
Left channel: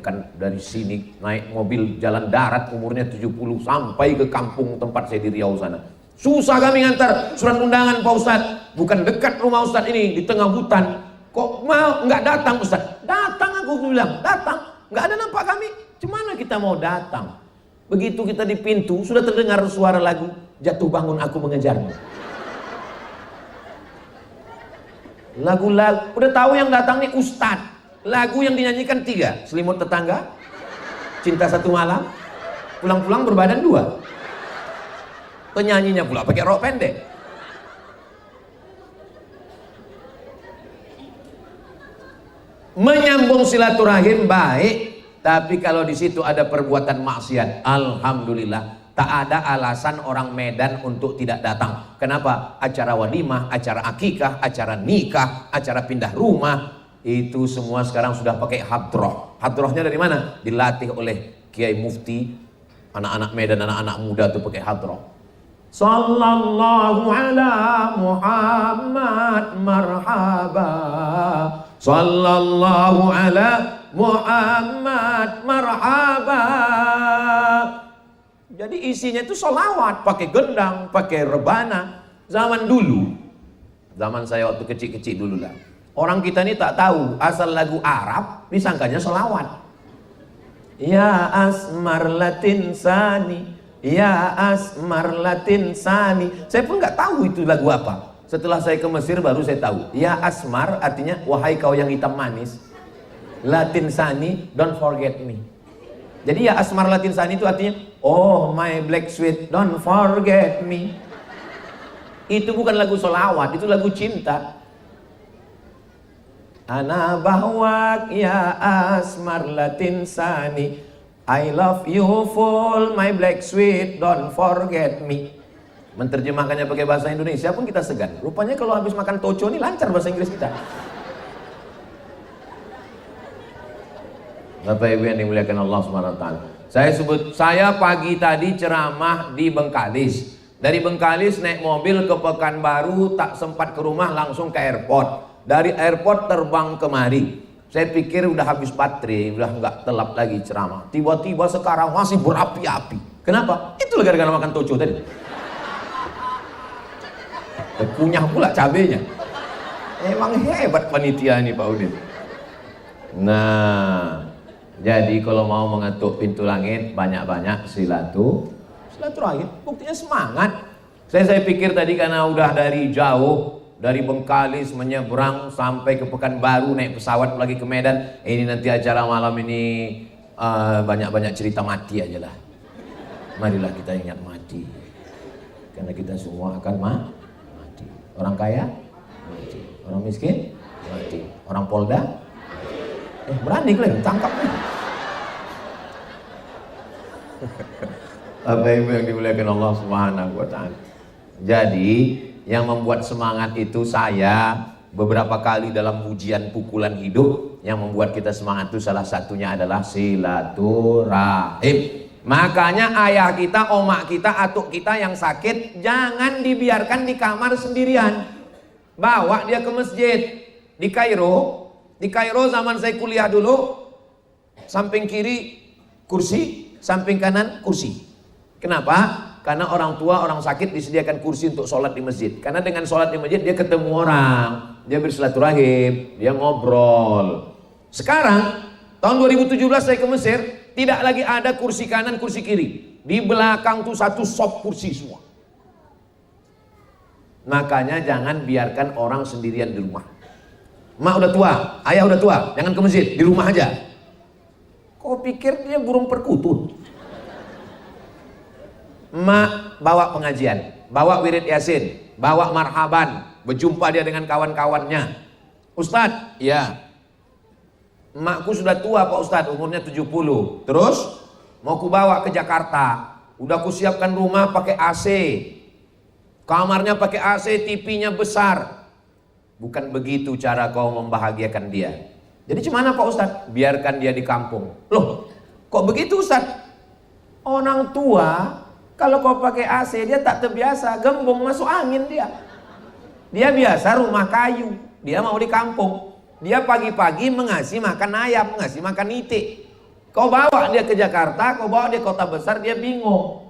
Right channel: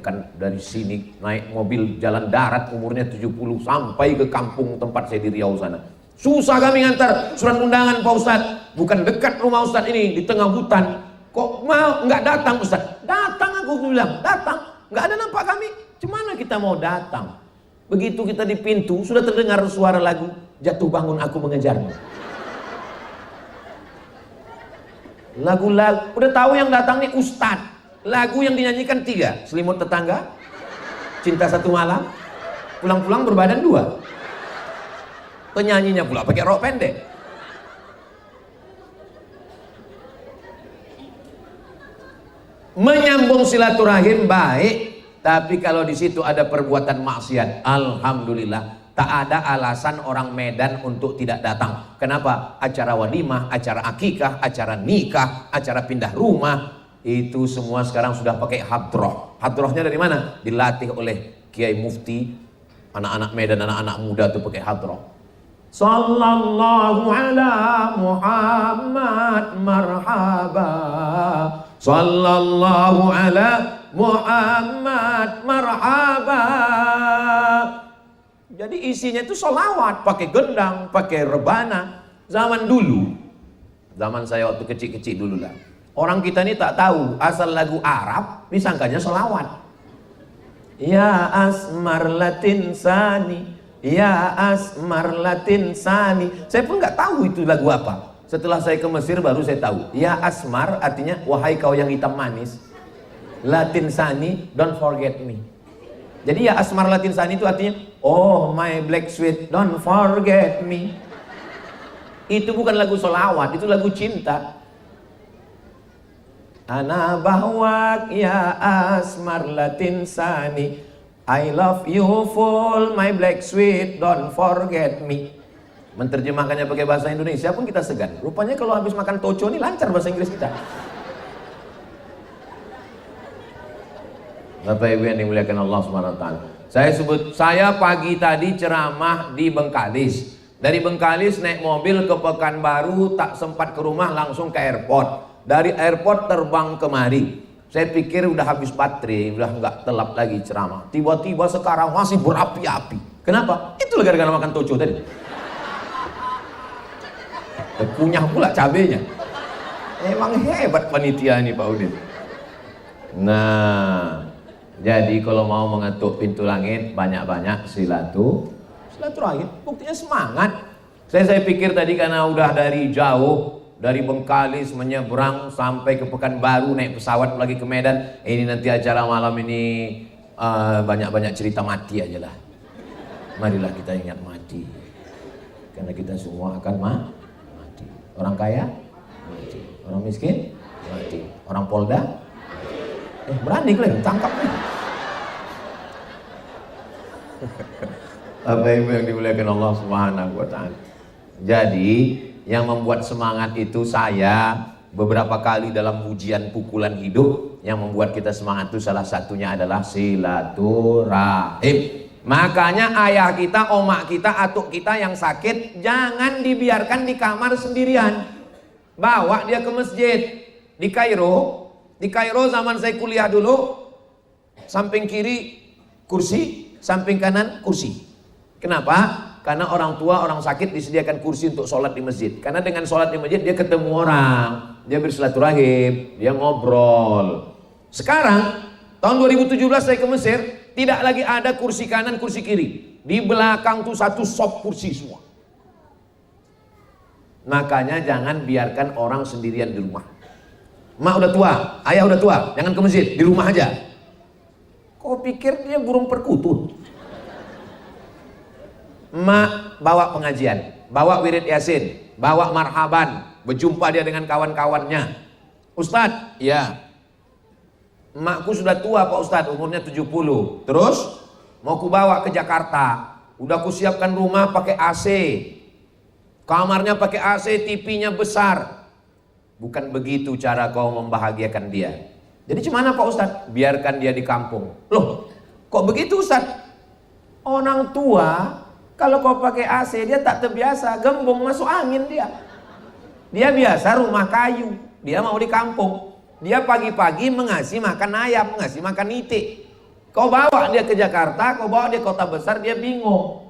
sini naik mobil jalan darat umurnya 70 sampai ke kampung tempat saya di Riau sana. Susah kami ngantar surat undangan Pak Ustaz. Bukan dekat rumah Ustaz ini di tengah hutan. Kok mau nggak datang Ustaz? Datang aku bilang, datang. Nggak ada nampak kami. Cemana kita mau datang? Begitu kita di pintu sudah terdengar suara lagu Jatuh Bangun Aku Mengejarmu. Lagu-lagu udah tahu yang datang nih Ustaz. Lagu yang dinyanyikan 3, Selimut Tetangga, Cinta Satu Malam, Pulang-pulang Berbadan 2. Penyanyinya pula pakai rok pendek. Menyambung silaturahim baik, tapi kalau di situ ada perbuatan maksiat, alhamdulillah tak ada alasan orang Medan untuk tidak datang. Kenapa? Acara walimah, acara akikah, acara nikah, acara pindah rumah, itu semua sekarang sudah pakai hadroh. Hadrohnya dari mana? Dilatih oleh Kiai Mufti. Anak-anak Medan, anak-anak muda itu pakai hadroh. Sallallahu ala Muhammad marhaba. Sallallahu ala Muhammad marhaba. Jadi isinya itu sholawat, pakai gendang, pakai rebana. Zaman dulu, zaman saya waktu kecil-kecil dulu lah. Orang kita ini tak tahu asal lagu Arab, disangkanya sholawat. Ya asmar latin sani, ya asmar latin sani. Saya pun nggak tahu itu lagu apa. Setelah saya ke Mesir baru saya tahu. Ya asmar artinya wahai kau yang hitam manis. Latin sani, don't forget me. Jadi ya asmar latin sani itu artinya, oh my black sweet, don't forget me. Itu bukan lagu solawat, itu lagu cinta. Ana bahwak ya asmar latin sani, I love you full, my black sweet, don't forget me. Menerjemahkannya pakai bahasa Indonesia pun kita segan. Rupanya kalau habis makan toco ini lancar bahasa Inggris kita. Bapak Ibu yang dimuliakan Allah SWT. Saya pagi tadi ceramah di Bengkalis. Dari Bengkalis naik mobil ke Pekanbaru, tak sempat ke rumah langsung ke airport. Dari airport terbang kemari. Saya pikir udah habis baterai, udah nggak telap lagi ceramah. Tiba-tiba sekarang masih berapi-api. Kenapa? Itu gara-gara makan toco tadi. Punya pula cabenya. Emang hebat panitia ini Pak Udin. Nah, jadi kalau mau mengetuk pintu langit banyak-banyak silaturahim. Buktinya semangat. Saya pikir tadi karena udah dari jauh, dari Bengkalis menyeberang sampai ke Pekanbaru naik pesawat lagi ke Medan. Ini nanti acara malam ini banyak-banyak cerita mati aja lah. Marilah kita ingat mati. Karena kita semua akan mati. Orang kaya, orang miskin, mati. Orang Polda, berani gue, Jadi yang membuat semangat itu saya beberapa kali dalam ujian pukulan hidup, yang membuat kita semangat itu salah satunya adalah silaturahim. Makanya ayah kita, omak kita, atuk kita yang sakit jangan dibiarkan di kamar sendirian. Bawa dia ke masjid. Di Kairo zaman saya kuliah dulu, samping kiri kursi, samping kanan kursi. Kenapa? Karena orang tua, orang sakit disediakan kursi untuk sholat di masjid. Karena dengan sholat di masjid dia ketemu orang, dia bersilaturahim, dia ngobrol. Sekarang tahun 2017 saya ke Mesir, tidak lagi ada kursi kanan, kursi kiri. Di belakang tuh satu sop kursi semua. Makanya jangan biarkan orang sendirian di rumah. Mak udah tua, ayah udah tua, jangan ke masjid, di rumah aja. Kau pikir dia burung perkutut? Mak bawa pengajian, bawa wirid yasin, bawa marhaban, berjumpa dia dengan kawan-kawannya. Ustadz, ya. Makku sudah tua Pak Ustadz, umurnya 70. Terus mau ku bawa ke Jakarta. Udah ku siapkan rumah pakai AC. Kamarnya pakai AC, TV-nya besar. Bukan begitu cara kau membahagiakan dia. Jadi gimana Pak Ustadz? Biarkan dia di kampung. Loh, kok begitu Ustadz? Orang tua, kalau kau pakai AC dia tak terbiasa, gembung masuk angin dia. Dia biasa rumah kayu, dia mau di kampung. Dia pagi-pagi mengasih makan ayam, mengasih makan itik. Kau bawa dia ke Jakarta, kau bawa dia kota besar, dia bingung.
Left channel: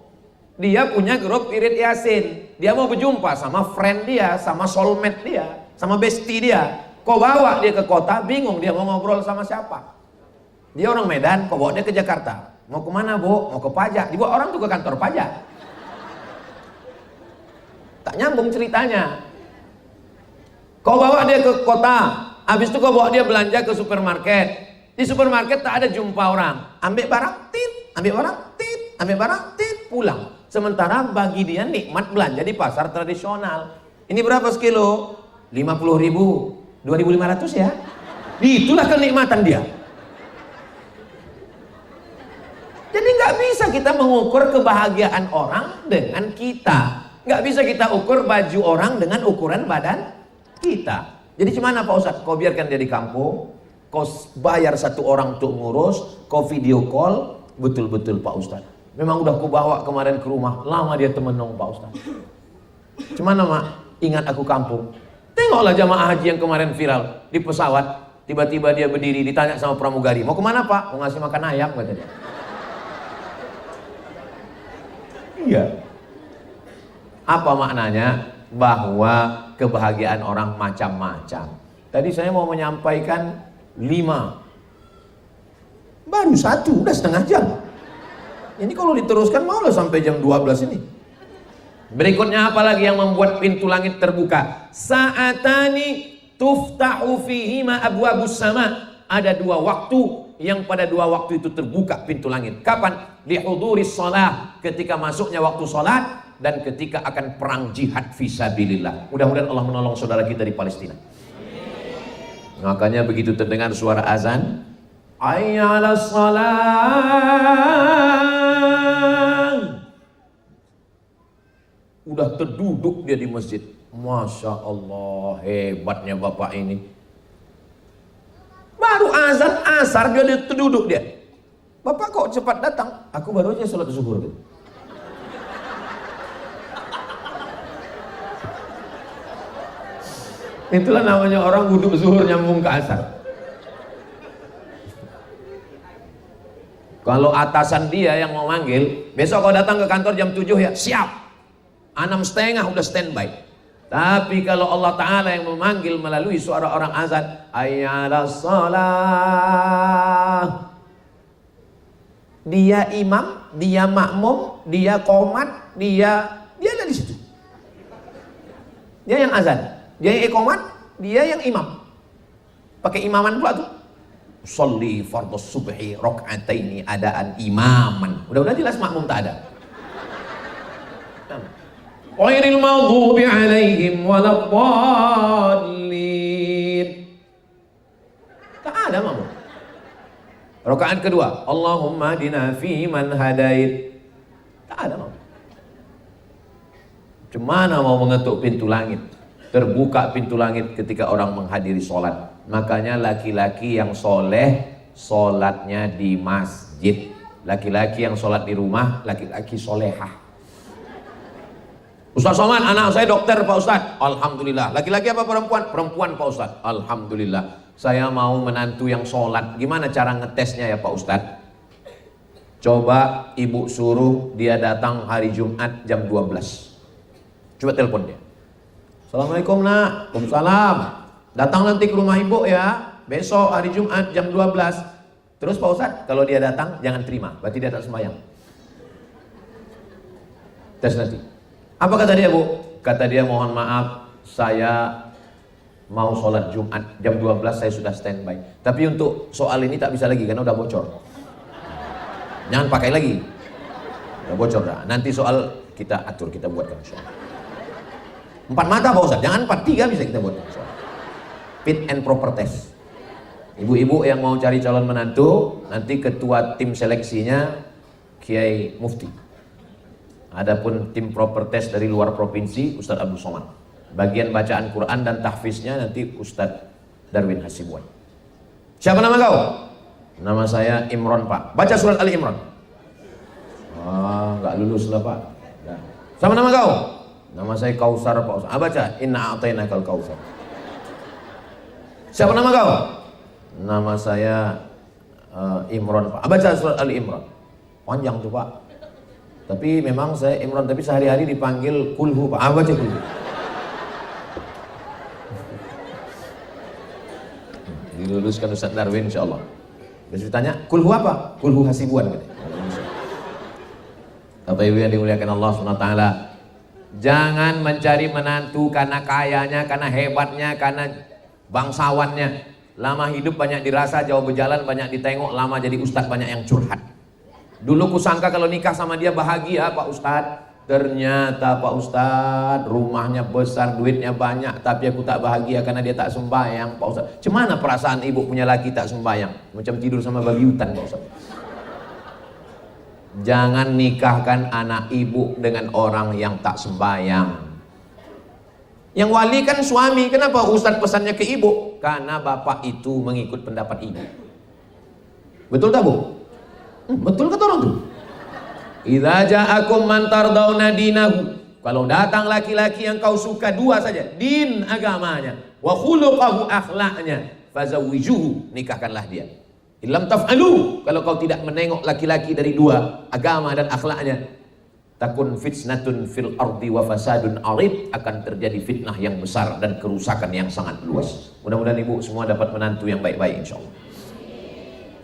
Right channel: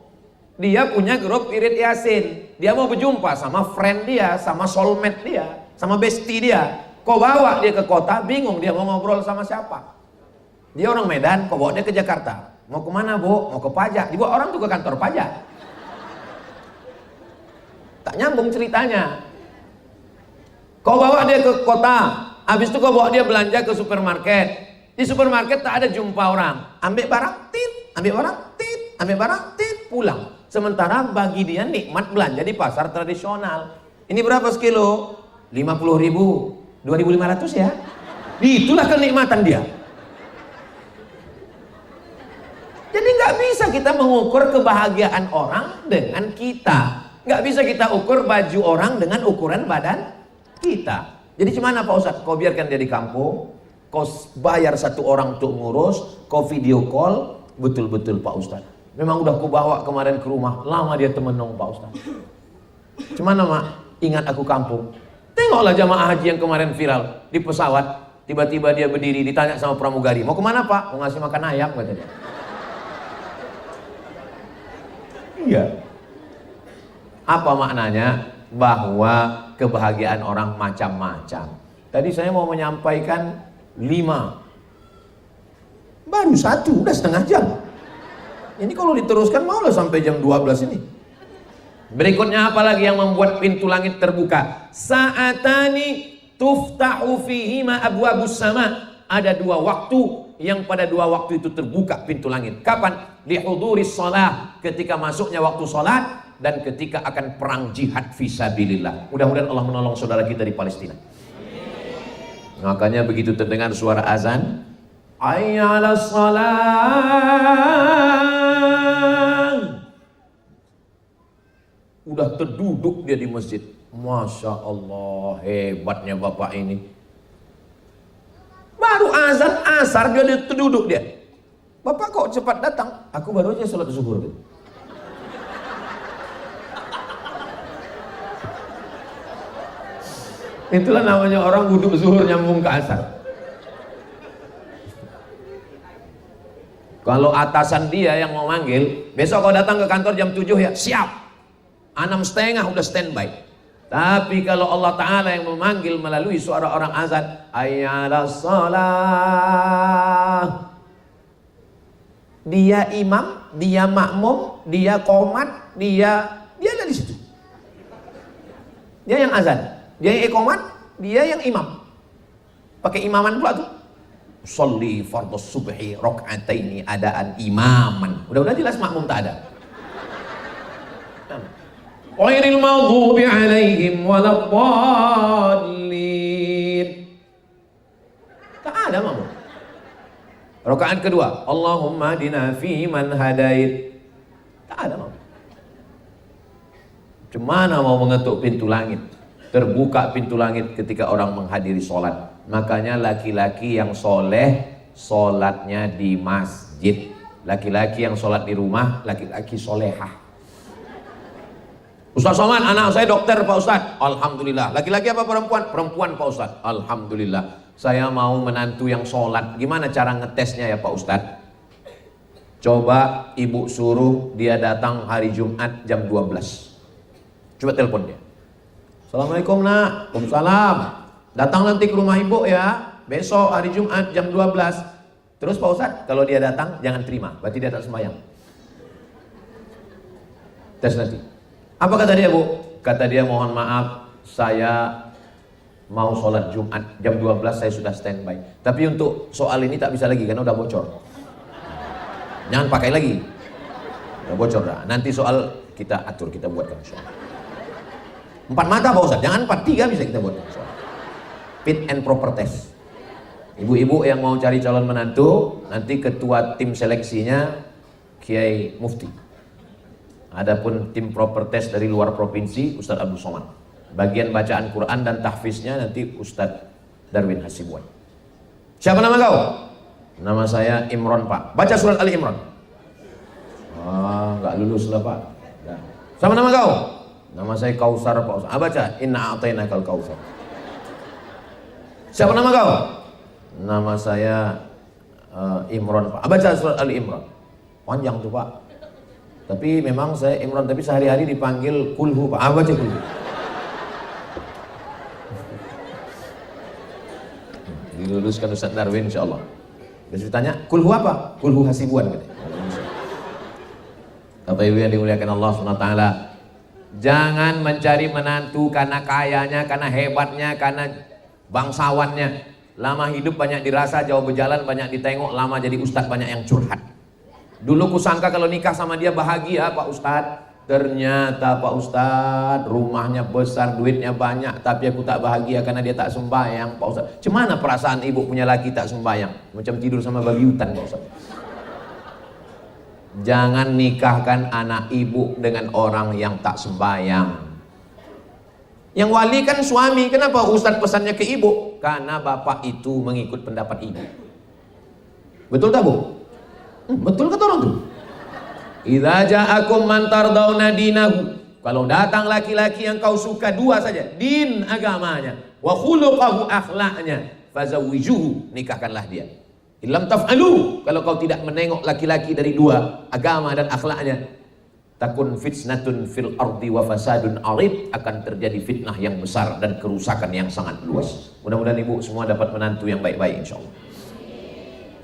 Dia punya grup Irit Yasin. Dia mau berjumpa sama friend dia, sama soulmate dia, sama bestie dia. Kau bawa dia ke kota, bingung dia mau ngobrol sama siapa. Dia orang Medan, kau bawa dia ke Jakarta. Mau kemana Bu? Mau ke pajak. Dibawa orang tuh ke kantor pajak. Tak nyambung ceritanya. Kau bawa dia ke kota, habis itu kau bawa dia belanja ke supermarket. Di supermarket tak ada jumpa orang. Ambil barang, tit. Ambil barang, tit. Ambil barang, tit. Pulang. Sementara bagi dia nikmat belanja di pasar tradisional. Ini berapa sekilo? 50.000. 2.500 ya. Itulah kenikmatan dia. Jadi nggak bisa kita mengukur kebahagiaan orang dengan kita. Nggak bisa kita ukur baju orang dengan ukuran badan kita. Jadi gimana Pak Ustadz? Kau biarkan dia di kampung, kau bayar satu orang untuk ngurus, kau video call, betul-betul Pak Ustadz. Memang udah kau bawa kemarin ke rumah, lama dia temenung Pak Ustadz. Gimana Mak? Ingat aku kampung. Tengoklah jamaah haji yang kemarin viral di pesawat, tiba-tiba dia berdiri ditanya sama pramugari, mau kemana Pak? Mau ngasih makan ayam gitu. Iya. Apa maknanya? Bahwa kebahagiaan orang macam-macam. Tadi saya mau menyampaikan 5. Baru 1, udah setengah jam. Ini kalau diteruskan malah sampai jam 12 ini. Berikutnya apa lagi yang membuat pintu langit terbuka? Sa'atani tuftahu fihima abwabus sama. Ada 2 waktu yang pada 2 waktu itu terbuka pintu langit. Kapan? Lihuduris shalah, ketika masuknya waktu salat dan ketika akan perang jihad fisabilillah. Mudah-mudahan Allah menolong saudara kita di Palestina. Makanya begitu terdengar suara azan, hayya 'alas shalah. Udah terduduk dia di masjid. Masya Allah, hebatnya bapak ini. Baru azan asar dia terduduk dia. Bapak kok cepat datang? Aku baru aja sholat zuhur. Itulah namanya orang wudhu zuhur nyambung ke asar. Kalau atasan dia yang mau manggil, besok kau datang ke kantor jam 7 ya, siap. 6:30 udah standby. Tapi kalau Allah Ta'ala yang memanggil melalui suara orang azan, hayya 'alas shalah. Dia imam, dia makmum, dia qomat, dia ada di situ. Dia yang azan, dia yang iqamat, dia yang imam. Pakai imaman pula tuh. Sholli fardhu subhi raka'ataini adaan imaman. Udah jelas makmum tak ada. Ghairil maghdubi 'alaihim waladdallin. Tak ada makmum. Rakaat kedua, Allahumma hadina fi man hadait. Tak ada makmum. Cemana mau mengetuk pintu langit? Terbuka pintu langit ketika orang menghadiri sholat. Makanya laki-laki yang soleh, sholatnya di masjid. Laki-laki yang sholat di rumah, laki-laki solehah. Ustaz Somad, anak saya dokter Pak Ustaz. Alhamdulillah. Laki-laki apa perempuan? Perempuan Pak Ustaz. Alhamdulillah. Saya mau menantu yang sholat. Gimana cara ngetesnya ya Pak Ustaz? Coba ibu suruh dia datang hari Jumat jam 12. Coba telepon dia. Assalamualaikum nak. Waalaikumsalam. Datang nanti ke rumah ibu ya. Besok hari Jumat jam 12. Terus Pak Ustaz, kalau dia datang jangan terima. Berarti dia tak sembahyang. Tes nanti. Apa kata dia Bu? Kata dia mohon maaf, saya mau sholat Jumat jam 12 saya sudah standby. Tapi untuk soal ini tak bisa lagi karena udah bocor. Jangan pakai lagi. Udah bocor dah. Nanti soal kita atur, kita buatkan soal. 4 mata Pak Ustaz, jangan 4, 3 bisa kita buatkan soal. Fit and proper test. Ibu-ibu yang mau cari calon menantu, nanti ketua tim seleksinya Kiai Mufti. Adapun tim proper test dari luar provinsi Ustaz Abdul Somad. Bagian bacaan Quran dan tahfiznya nanti Ustadz Darwin Hasibuan. Siapa nama kau? Nama saya Imron Pak. Baca surat Ali Imran. Nggak lulus lah Pak. Nah. Sama nama kau? Nama saya Kausar Pak Ustadz. Baca Inna a'tainakal Kausar. Siapa nama kau? Nama saya Imron Pak. Baca surat Ali Imran. Panjang tuh Pak. Tapi memang saya Imran, tapi sehari-hari dipanggil Kulhu Pak. Baca Kulhu. Diluluskan Ustadz Darwin insyaallah. Besok ditanya, kulhu apa? Kulhu Hasibuan gitu. Bapak Ibu yang dimuliakan Allah SWT, jangan mencari menantu karena kayanya, karena hebatnya, karena bangsawannya. Lama hidup banyak dirasa, jauh berjalan banyak ditengok, lama jadi ustadz banyak yang curhat. Dulu kusangka kalau nikah sama dia bahagia Pak Ustadz. Ternyata Pak Ustadz rumahnya besar, duitnya banyak, tapi aku tak bahagia karena dia tak sembahyang Pak Ustadz. Cemana perasaan ibu punya laki tak sembahyang? Macam tidur sama gayutan Pak Ustadz. Jangan nikahkan anak ibu dengan orang yang tak sembahyang. Yang wali kan suami. Kenapa Ustadz pesannya ke ibu? Karena bapak itu mengikut pendapat ibu. Betul tak Bu? Betul kata orang tuh? Idza ja'akum man tardawna dinahu. Kalau datang laki-laki yang kau suka dua saja, din agamanya, wa khuluquhu akhlaknya, fazawwijuhu, nikahkanlah dia. Illam taf'alu, kalau kau tidak menengok laki-laki dari dua agama dan akhlaknya, takun fitnatun fil ardi wa fasadun arid, akan terjadi fitnah yang besar dan kerusakan yang sangat luas. Mudah-mudahan ibu semua dapat menantu yang baik-baik insyaallah.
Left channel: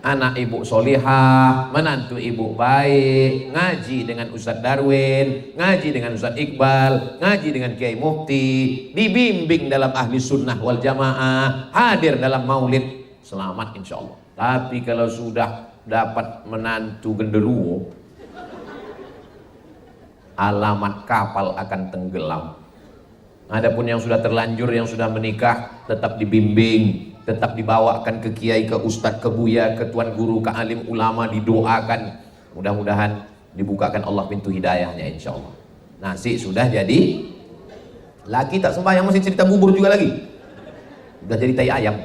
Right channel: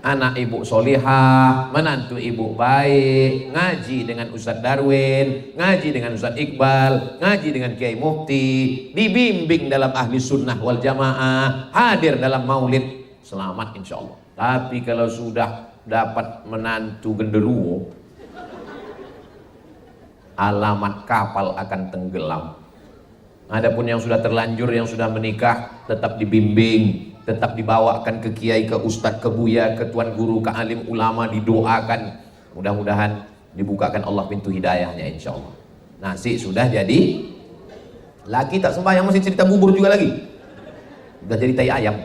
Anak ibu solihah, menantu ibu baik, ngaji dengan Ustadz Darwin, ngaji dengan Ustadz Iqbal, ngaji dengan Kiai Mufti, dibimbing dalam ahli sunnah wal jamaah, hadir dalam maulid, selamat insya Allah. Tapi kalau sudah dapat menantu genderuwo, alamat kapal akan tenggelam. Adapun yang sudah terlanjur, yang sudah menikah, tetap dibimbing, tetap dibawakan ke kiai, ke ustadz, ke buya, ke tuan guru, ke alim ulama, didoakan. Mudah-mudahan dibukakan Allah pintu hidayahnya insya Allah. Nasi sudah jadi, laki tak sembahyang masih cerita bubur juga lagi. Sudah jadi tai ayam.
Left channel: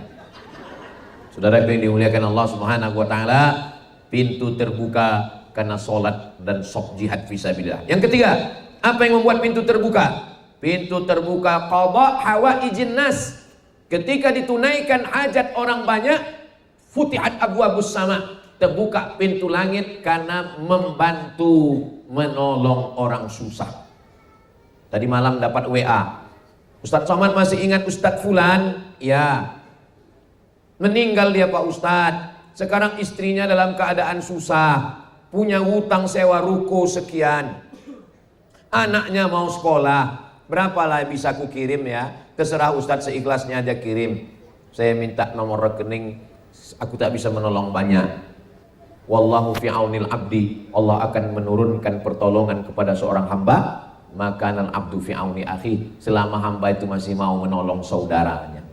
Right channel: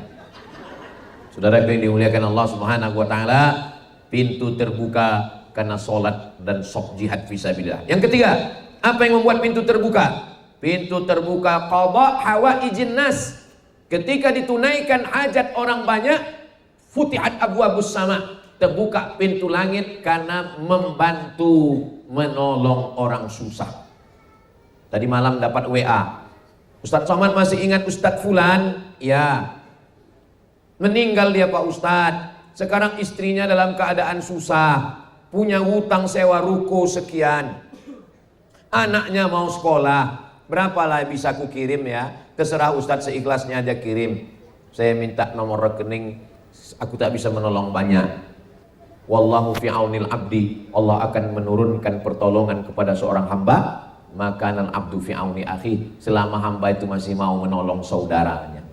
Saudara yang dimuliakan Allah Subhanahu wa taala, pintu terbuka karena sholat dan sok jihad fisabilillah. Yang ketiga, apa yang membuat pintu terbuka? Pintu terbuka qada hawaijin nas. Ketika ditunaikan hajat orang banyak, futihat abwabus sama, terbuka pintu langit karena membantu menolong orang susah. Tadi malam dapat WA, Ustadz Somad masih ingat Ustadz Fulan? Ya, meninggal dia Pak Ustadz. Sekarang istrinya dalam keadaan susah, punya hutang sewa ruko sekian, anaknya mau sekolah. Berapalah bisa aku kirim ya? Terserah Ustadz, seikhlasnya aja kirim. Saya minta nomor rekening, aku tak bisa menolong banyak. Wallahu fi aunil abdi, Allah akan menurunkan pertolongan kepada seorang hamba. Makanan abdu fi auni akhi, selama hamba itu masih mau menolong saudaranya,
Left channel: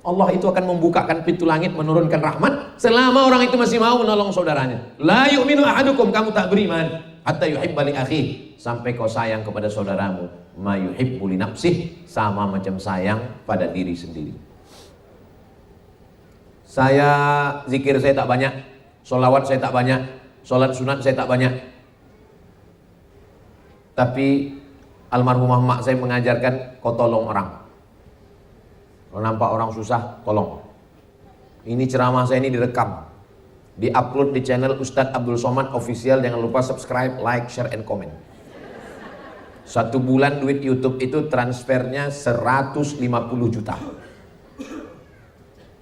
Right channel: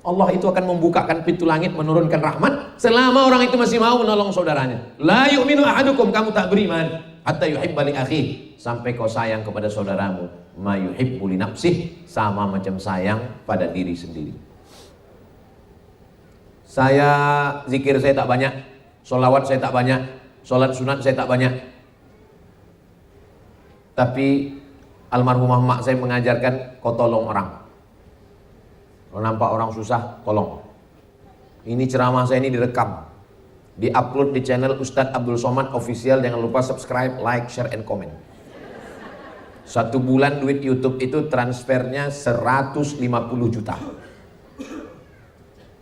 Allah itu akan membukakan pintu langit, menurunkan rahmat selama orang itu masih mau menolong saudaranya. La yu'minu ahadukum, kamu tak beriman hatta yuhibba li akhi, sampai kau sayang kepada saudaramu ma yuhibbu li nafsih, sama macam sayang pada diri sendiri. Saya zikir saya tak banyak, sholawat saya tak banyak, sholat sunat saya tak banyak, tapi almarhumah mak saya mengajarkan kau tolong orang. Kalau nampak orang susah, tolong. Ini ceramah saya ini direkam, di-upload di channel Ustadz Abdul Somad Official. Jangan lupa subscribe, like, share, and comment. 1 bulan duit YouTube itu transfernya 150 juta.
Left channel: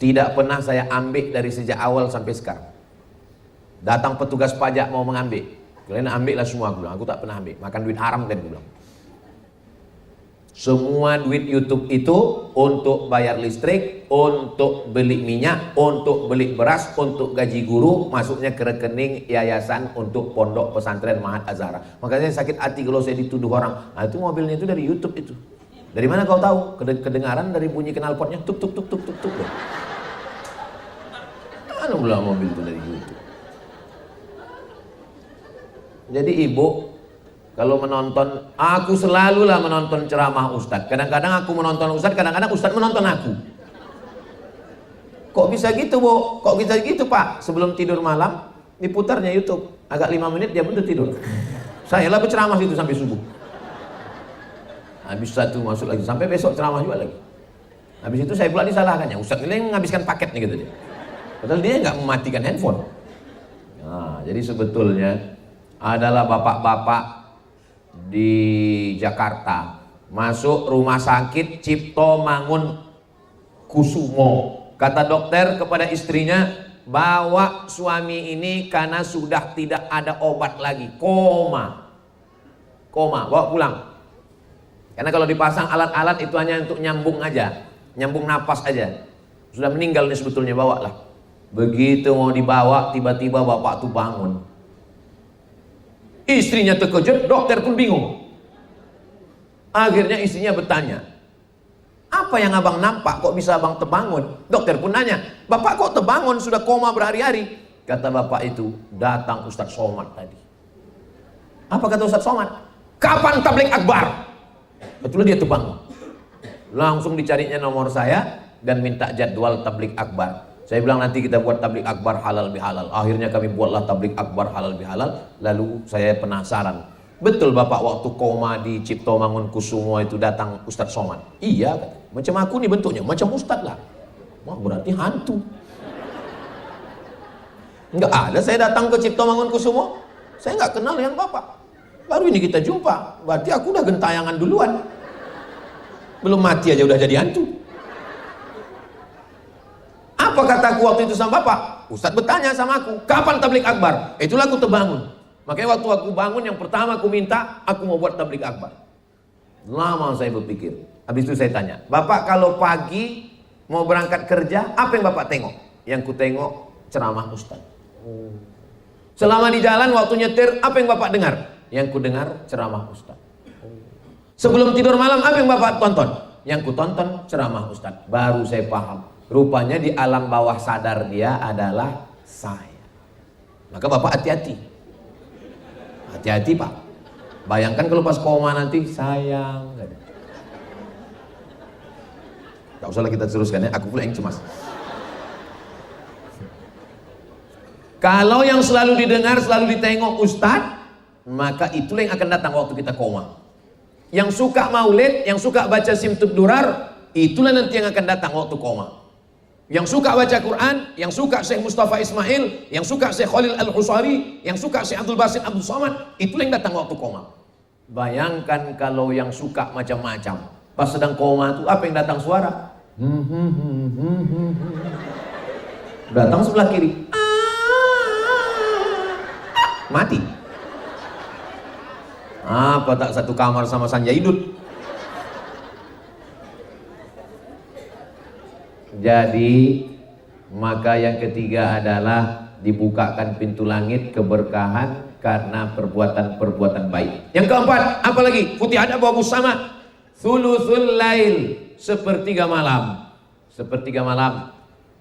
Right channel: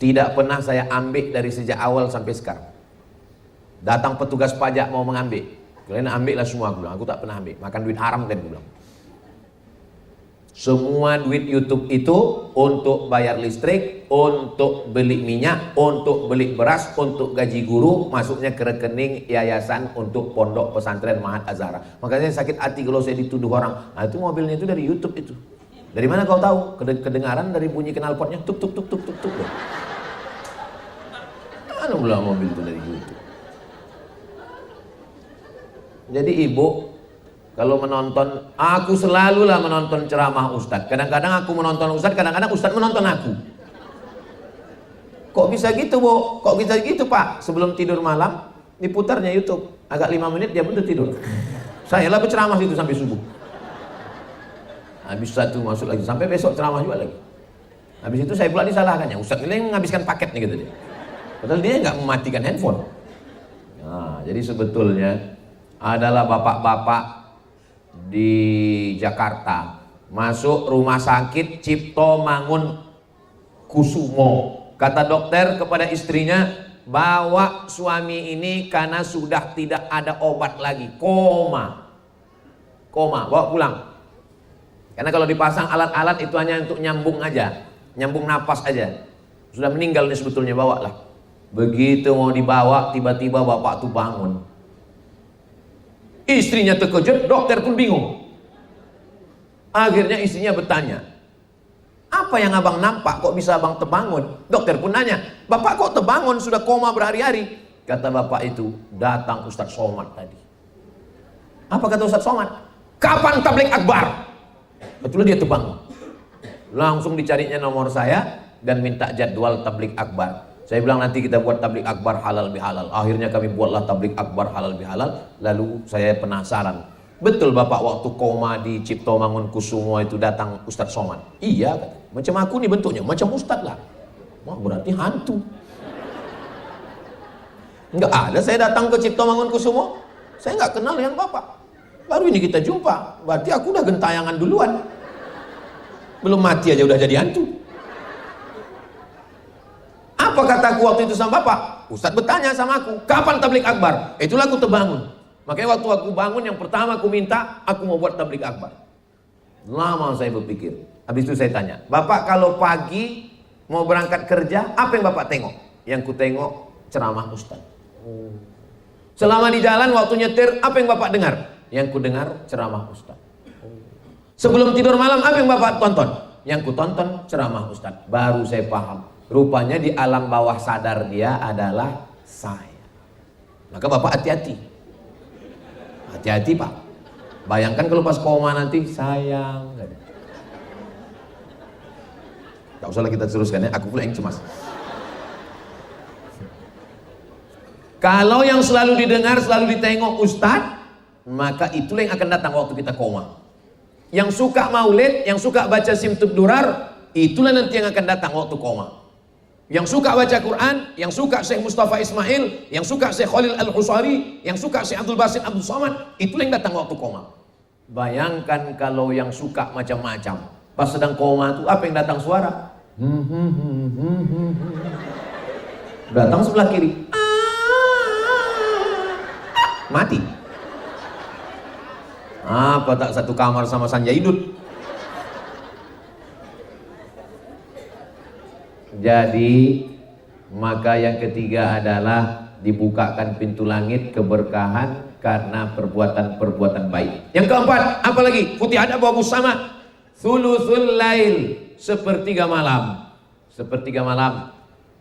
Tidak pernah saya ambil dari sejak awal sampai sekarang. Datang petugas pajak mau mengambil, kalian ambillah semua. Aku tak pernah ambil, makan duit haram dan pulang. Semua duit YouTube itu untuk bayar listrik, untuk beli minyak, untuk beli beras, untuk gaji guru, masuknya ke rekening yayasan untuk pondok pesantren Mahat Azhara. Makanya sakit hati kalau saya dituduh orang, nah itu mobilnya itu dari YouTube itu. Dari mana kau tahu? Kedengaran dari bunyi knalpotnya, tuk tuk tuk tuk tuk tuk. Mana pula mobil itu dari YouTube? Jadi ibu, Kalau menonton, aku selalulah menonton ceramah Ustadz. Kadang-kadang aku menonton Ustadz, kadang-kadang Ustadz menonton aku. Kok bisa gitu, Bu? Kok bisa gitu, Pak? Sebelum tidur malam, diputarnya YouTube. Agak 5 menit dia pun tidur. Saya lah berceramah itu sampai subuh. Habis satu masuk lagi, sampai besok ceramah juga lagi. Habis itu saya pula disalahkannya. Ustadz ini menghabiskan paket nih gitu dia. Padahal dia nggak mematikan handphone. Nah, jadi sebetulnya adalah bapak-bapak di Jakarta masuk rumah sakit Cipto Mangun Kusumo. Kata dokter kepada istrinya, bawa suami ini karena sudah tidak ada obat lagi, koma, bawa pulang. Karena kalau dipasang alat-alat itu hanya untuk nyambung aja, nyambung napas aja. Sudah meninggal nih sebetulnya, bawa lah. Begitu mau dibawa, tiba-tiba bapak tuh bangun. Istrinya terkejut, dokter pun bingung. Akhirnya istrinya bertanya, apa yang abang nampak kok bisa abang terbangun? Dokter pun nanya, bapak kok terbangun sudah koma berhari-hari? Kata bapak itu, datang Ustadz Somad tadi. Apa kata Ustadz Somad? Kapan tabligh akbar? Betul dia terbangun. Langsung dicarinya nomor saya dan minta jadwal tabligh akbar. Saya bilang nanti kita buat tabligh akbar halal bihalal. Akhirnya kami buatlah tabligh akbar halal bihalal. Lalu saya penasaran, betul bapak waktu koma di Cipto Mangun Kusumo itu datang Ustadz Somad? Iya, macam aku nih bentuknya, macam Ustadz lah. Wah, berarti hantu. Enggak ada saya datang ke Cipto Mangun Kusumo. Saya nggak kenal yang bapak. Baru ini kita jumpa. Berarti aku udah gentayangan duluan. Belum mati aja udah jadi hantu. Apa kataku waktu itu sama bapak? Ustadz bertanya sama aku, kapan tabligh akbar? Itulah aku terbangun. Makanya waktu aku bangun yang pertama aku minta, aku mau buat tabligh akbar. Lama saya berpikir. Habis itu saya tanya, bapak kalau pagi mau berangkat kerja, apa yang bapak tengok? Yang ku tengok ceramah Ustadz. Selama di jalan waktu nyetir, apa yang bapak dengar? Yang ku dengar ceramah Ustadz. Sebelum tidur malam, apa yang bapak tonton? Yang ku tonton ceramah Ustadz. Baru saya paham. Rupanya di alam bawah sadar dia adalah saya. Maka bapak hati-hati. Hati-hati pak. Bayangkan kalau pas koma nanti sayang. Tak usahlah kita teruskan ya. Aku pula yang cemas. Kalau yang selalu didengar, selalu ditengok Ustadz, maka itulah yang akan datang waktu kita koma. Yang suka maulid, yang suka baca simtud durar, itulah nanti yang akan datang waktu koma. Yang suka baca Quran, yang suka Syekh Mustafa Ismail, yang suka Syekh Khalil Al-Husari, yang suka Syekh Abdul Basit Abdul Somad, itulah yang datang waktu koma. Bayangkan kalau yang suka macam-macam, pas sedang koma itu apa yang datang suara? Datang sebelah kiri, mati. Apa tak satu kamar sama Sanjaidud? Jadi maka yang ketiga adalah dibukakan pintu langit keberkahan karena perbuatan-perbuatan baik. Yang keempat, apa lagi? Putih ada bawa sama thuluthul lail, sepertiga malam. Sepertiga malam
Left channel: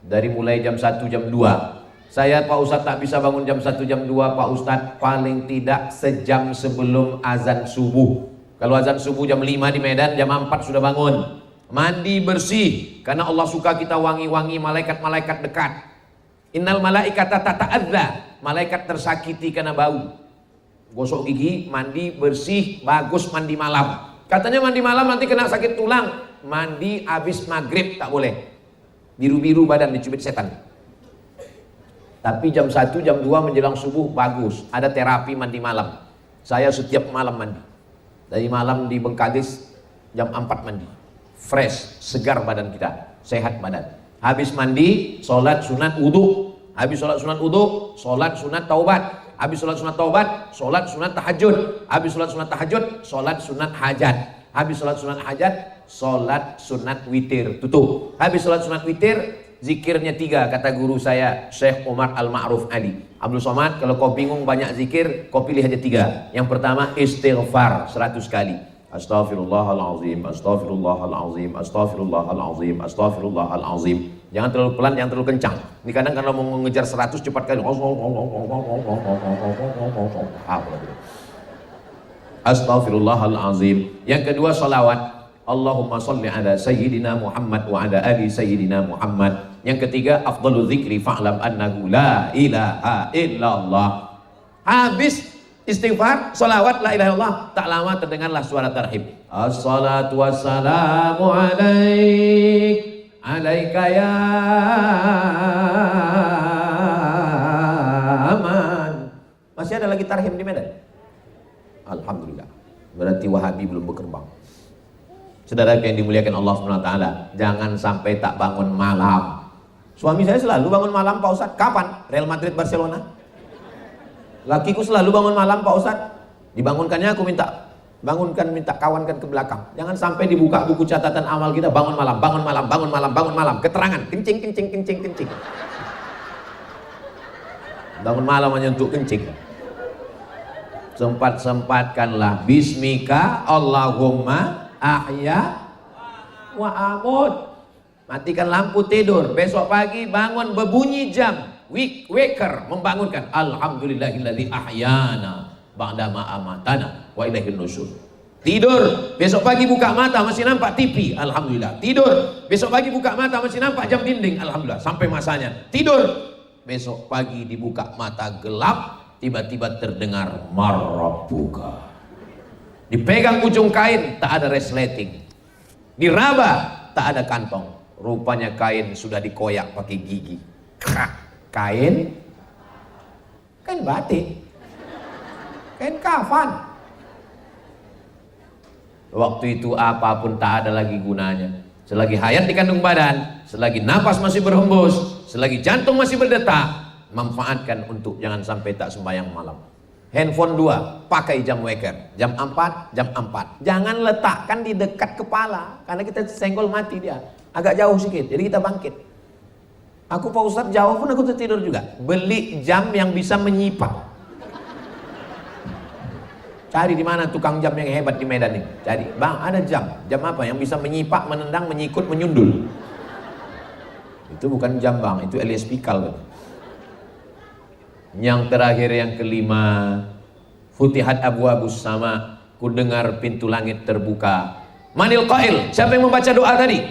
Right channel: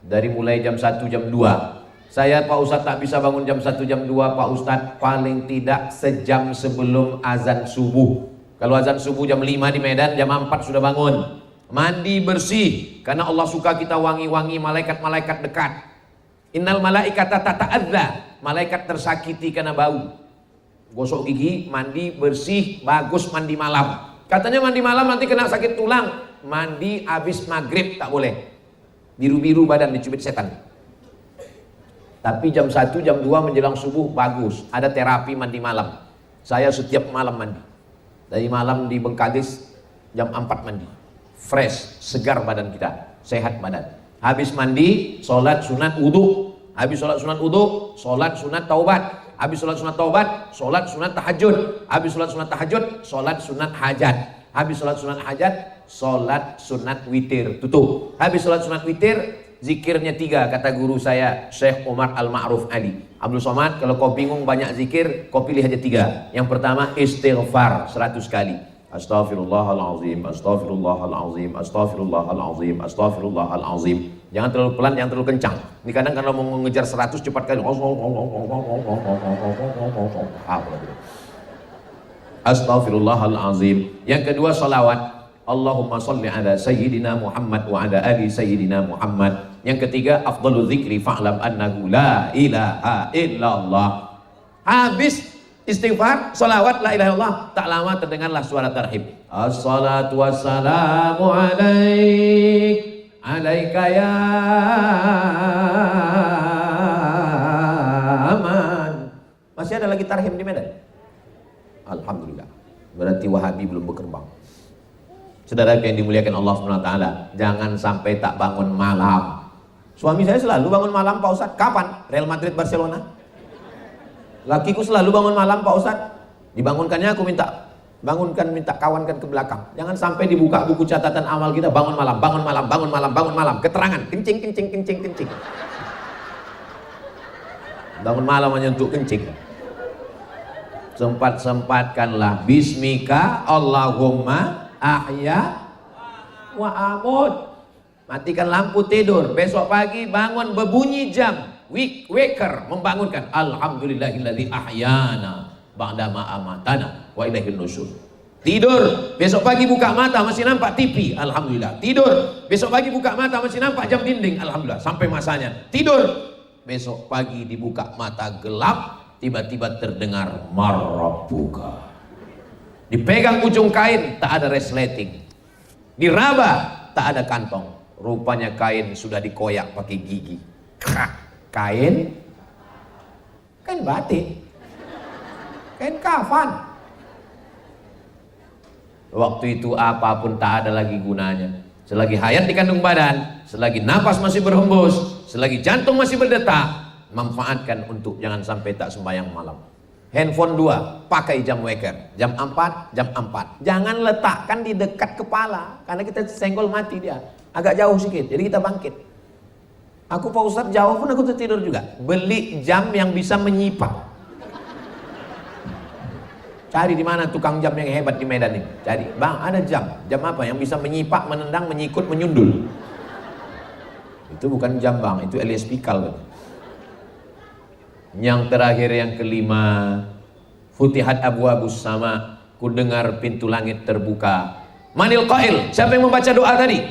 dari mulai jam 1 jam 2. Saya Pak Ustadz tak bisa bangun jam 1 jam 2 Pak Ustadz, paling tidak sejam sebelum azan subuh. Kalau azan subuh jam 5 di Medan, jam 4 sudah bangun. Mandi bersih, karena Allah suka kita wangi-wangi, malaikat-malaikat dekat. Innal malaikata tata'adda, malaikat tersakiti karena bau. Jadi mandi bersih, bagus mandi malam. Katanya mandi malam nanti kena sakit tulang. Mandi habis maghrib tak boleh. Biru-biru badan dicubit setan. Tapi jam 1, jam 2 menjelang subuh bagus. Ada terapi mandi malam. Saya setiap malam mandi. Dari malam di Bengkalis jam 4 mandi. Fresh, segar badan kita, sehat badan. Habis mandi, sholat sunat wudu. Habis sholat sunat wudu, sholat sunat taubat. Habis sholat sunat taubat, sholat sunat tahajud. Habis sholat sunat tahajud, sholat sunat hajat. Habis sholat sunat hajat, sholat sunat witir. Tutup. Habis sholat sunat witir, zikirnya 3 kata guru saya Syekh Umar Al-Ma'ruf Ali. Abdul Somad, kalau kau bingung banyak zikir, kau pilih aja 3. Yang pertama istighfar 100 kali. Astaghfirullahalazim, astaghfirullahalazim, astaghfirullahalazim, astaghfirullahalazim. Jangan terlalu pelan, jangan terlalu kencang. Ini kadang kalau mau mengejar 100 cepat kali. Astaghfirullahalazim. Yang kedua salawat. Allahumma salli ala sayyidina Muhammad wa ala ali sayyidina Muhammad. Yang ketiga afdhalu dzikri fa'lam annahu la ilaha illallah. Habis istighfar, salawat la ilaha illallah, tak lama terdengarlah suara tarhib. Assalatu wassalamu alaika ya aman. Masih ada lagi tarhib di Medan? Alhamdulillah. Berarti Wahabi belum berkembang. Saudara yang dimuliakan Allah SWT, jangan sampai tak bangun malam. Suami saya selalu bangun malam Pak Ustadz. Kapan? Real Madrid Barcelona. Lakiku selalu bangun malam Pak Ustadz. Dibangunkannya aku minta kawankan ke belakang. Jangan sampai dibuka buku catatan awal kita bangun malam. Keterangan kencing. Bangun malam hanya untuk kencing. Sempat-sempatkanlah bismika Allahumma ahya wa amut. Matikan lampu tidur. Besok pagi bangun berbunyi jam. Waker membangunkan. Alhamdulillahilladzi ahyana ba'dama amatana wa ilaihil nusyur. Tidur. Besok pagi buka mata masih nampak TV. Alhamdulillah. Tidur. Besok pagi buka mata masih nampak jam dinding. Alhamdulillah. Sampai masanya. Tidur. Besok pagi dibuka mata gelap. Tiba-tiba terdengar marabbuka. Dipegang ujung kain, tak ada resleting. Diraba, tak ada kantong. Rupanya kain sudah dikoyak pakai gigi. Kain batik. Kain kafan. Waktu itu apapun tak ada lagi gunanya. Selagi hayat di kandung badan, selagi napas masih berhembus, selagi jantung masih berdetak, manfaatkan untuk jangan sampai tak sembahyang malam. Handphone 2, pakai jam waker. Jam 4. Jangan letakkan di dekat kepala, karena kita senggol mati dia. Agak jauh sedikit, jadi kita bangkit. Aku Pak Ustadz jauh pun aku tertidur juga. Beli jam yang bisa menyipak. Cari di mana tukang jam yang hebat di Medan ini. Cari, bang ada jam apa yang bisa menyipak, menendang, menyikut, menyundul. Itu bukan jam bang, itu LSPikal. Yang terakhir yang kelima, futihat abwabus sama, ku dengar pintu langit terbuka. Manil qail, siapa yang membaca doa tadi?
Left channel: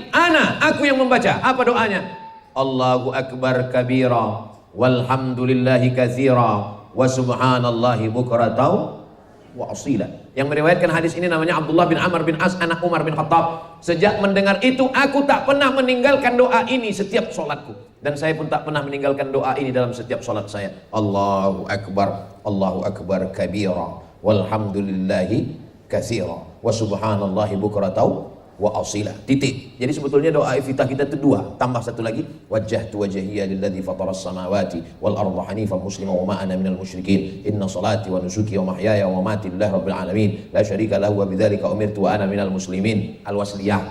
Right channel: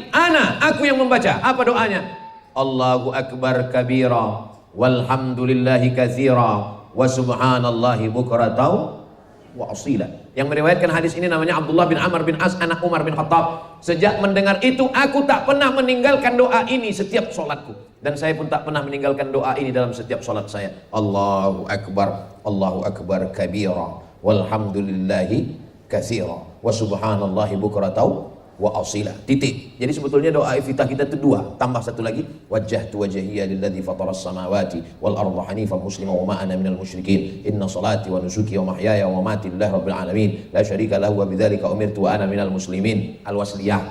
Aku yang membaca. Apa doanya? Allahu akbar kabira, walhamdulillahi katsira, wa subhanallahi bukratan wa asila. Yang meriwayatkan hadis ini namanya Abdullah bin Amr bin As, anak Umar bin Khattab. Sejak mendengar itu, aku tak pernah meninggalkan doa ini setiap sholatku. Dan saya pun tak pernah meninggalkan doa ini dalam setiap sholat saya. Allahu akbar kabira, walhamdulillahi katsira, wa subhanallahi bukratan wa asila. Titik. Jadi sebetulnya doa iftitah kita itu 2, tambah satu lagi, wajjahtu wajhiya lilladzi fataras samawati wal arda hanifan musliman wa ma ana minal musyrikin. Inna salati wa nusuki wa mahyaya wa mamati lillahi rabbil alamin, la syarika lahu wa bidzalika umirtu wa ana minal muslimin. Al-Wasliyah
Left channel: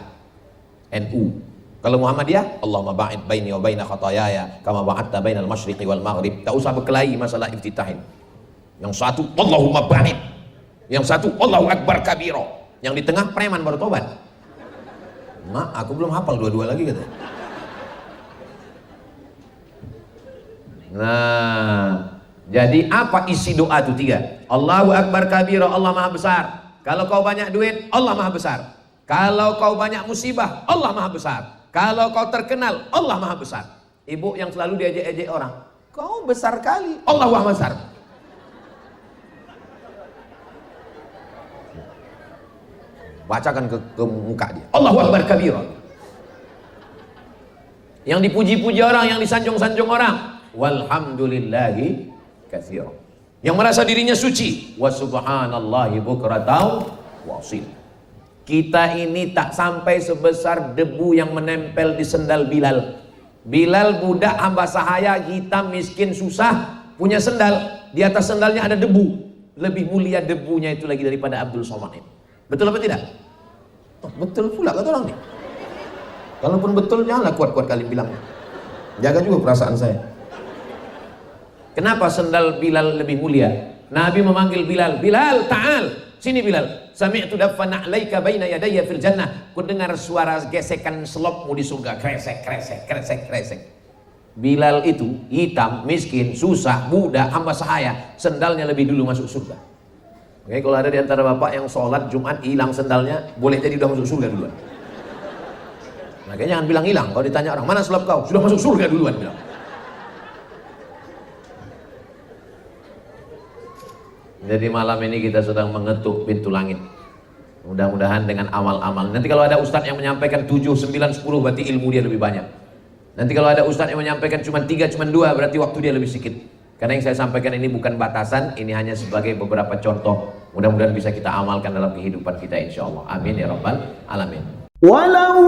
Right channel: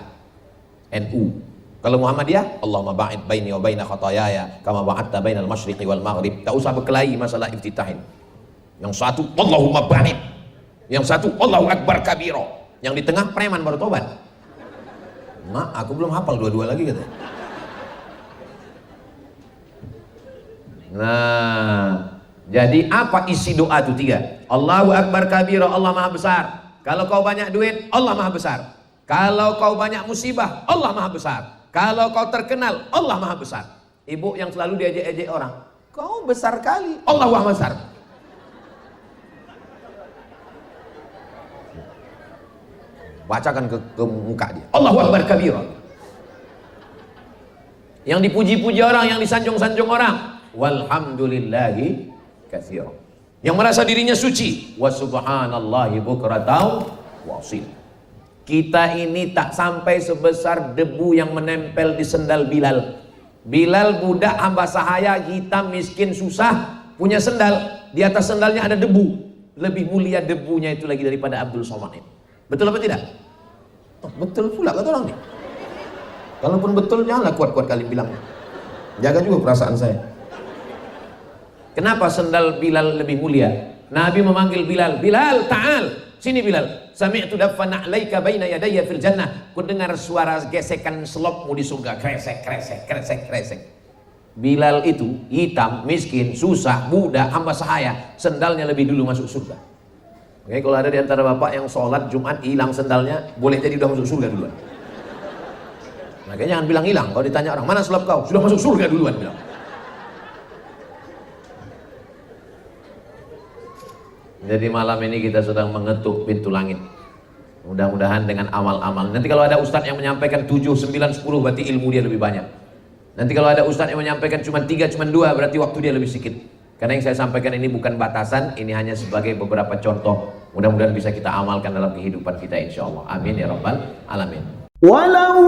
NU. Kalau Muhammadiyah, Allahumma ba'id baini wa baina khataayaya kama ba'adta bainal masyriqi wal maghrib. Tak usah berkelahi masalah iftitah. Yang satu Allahumma ba'id, yang satu Allahu akbar kabira, yang di tengah preman baru tobat. Aku belum hafal dua-dua lagi kata. Nah, jadi apa isi doa itu 3? Allahu akbar kabira, Allah maha besar. Kalau kau banyak duit, Allah maha besar. Kalau kau banyak musibah, Allah maha besar. Kalau kau terkenal, Allah maha besar. Ibu yang selalu diejek-ejek orang, kau besar kali, Allah maha besar. Bacakan ke muka dia, Allahu akbar kabira. Yang dipuji-puji orang, yang disanjung-sanjung orang, walhamdulillahi katsira. Yang merasa dirinya suci, wa subhanallahi bukratan wa asila. Kita ini tak sampai sebesar debu yang menempel di sendal Bilal. Bilal budak hamba sahaya, hitam, miskin, susah, punya sendal. Di atas sendalnya ada debu. Lebih mulia debunya itu lagi daripada Abdul Somad ini. Betul apa tidak? Betul pula kata orang. Kalaupun betul, janganlah kuat-kuat kali bilang. Jaga juga perasaan saya. Kenapa sendal Bilal lebih mulia? Nabi memanggil Bilal, Bilal, ta'al. Sini Bilal, sami'tu dafana 'alaika baina yadayya fil jannah. Ku dengar suara gesekan selopmu di surga, kresek. Bilal itu hitam, miskin, susah, muda, hamba sahaya, sendalnya lebih dulu masuk surga. Oke, kalau ada di antara bapak yang sholat Jumat hilang sendalnya, boleh jadi udah masuk surga duluan. Makanya jangan bilang hilang. Kalau ditanya orang, mana sulap kau? Sudah masuk surga duluan bilang. Jadi malam ini kita sedang mengetuk pintu langit. Mudah-mudahan dengan amal-amal. Nanti kalau ada ustadz yang menyampaikan 7, 9, 10 berarti ilmu dia lebih banyak. Nanti kalau ada ustadz yang menyampaikan cuma 3, cuma 2 berarti waktu dia lebih sedikit. Karena yang saya sampaikan ini bukan batasan, ini hanya sebagai beberapa contoh. Mudah-mudahan bisa kita amalkan dalam kehidupan kita insya Allah. Amin ya rabbal alamin. Walau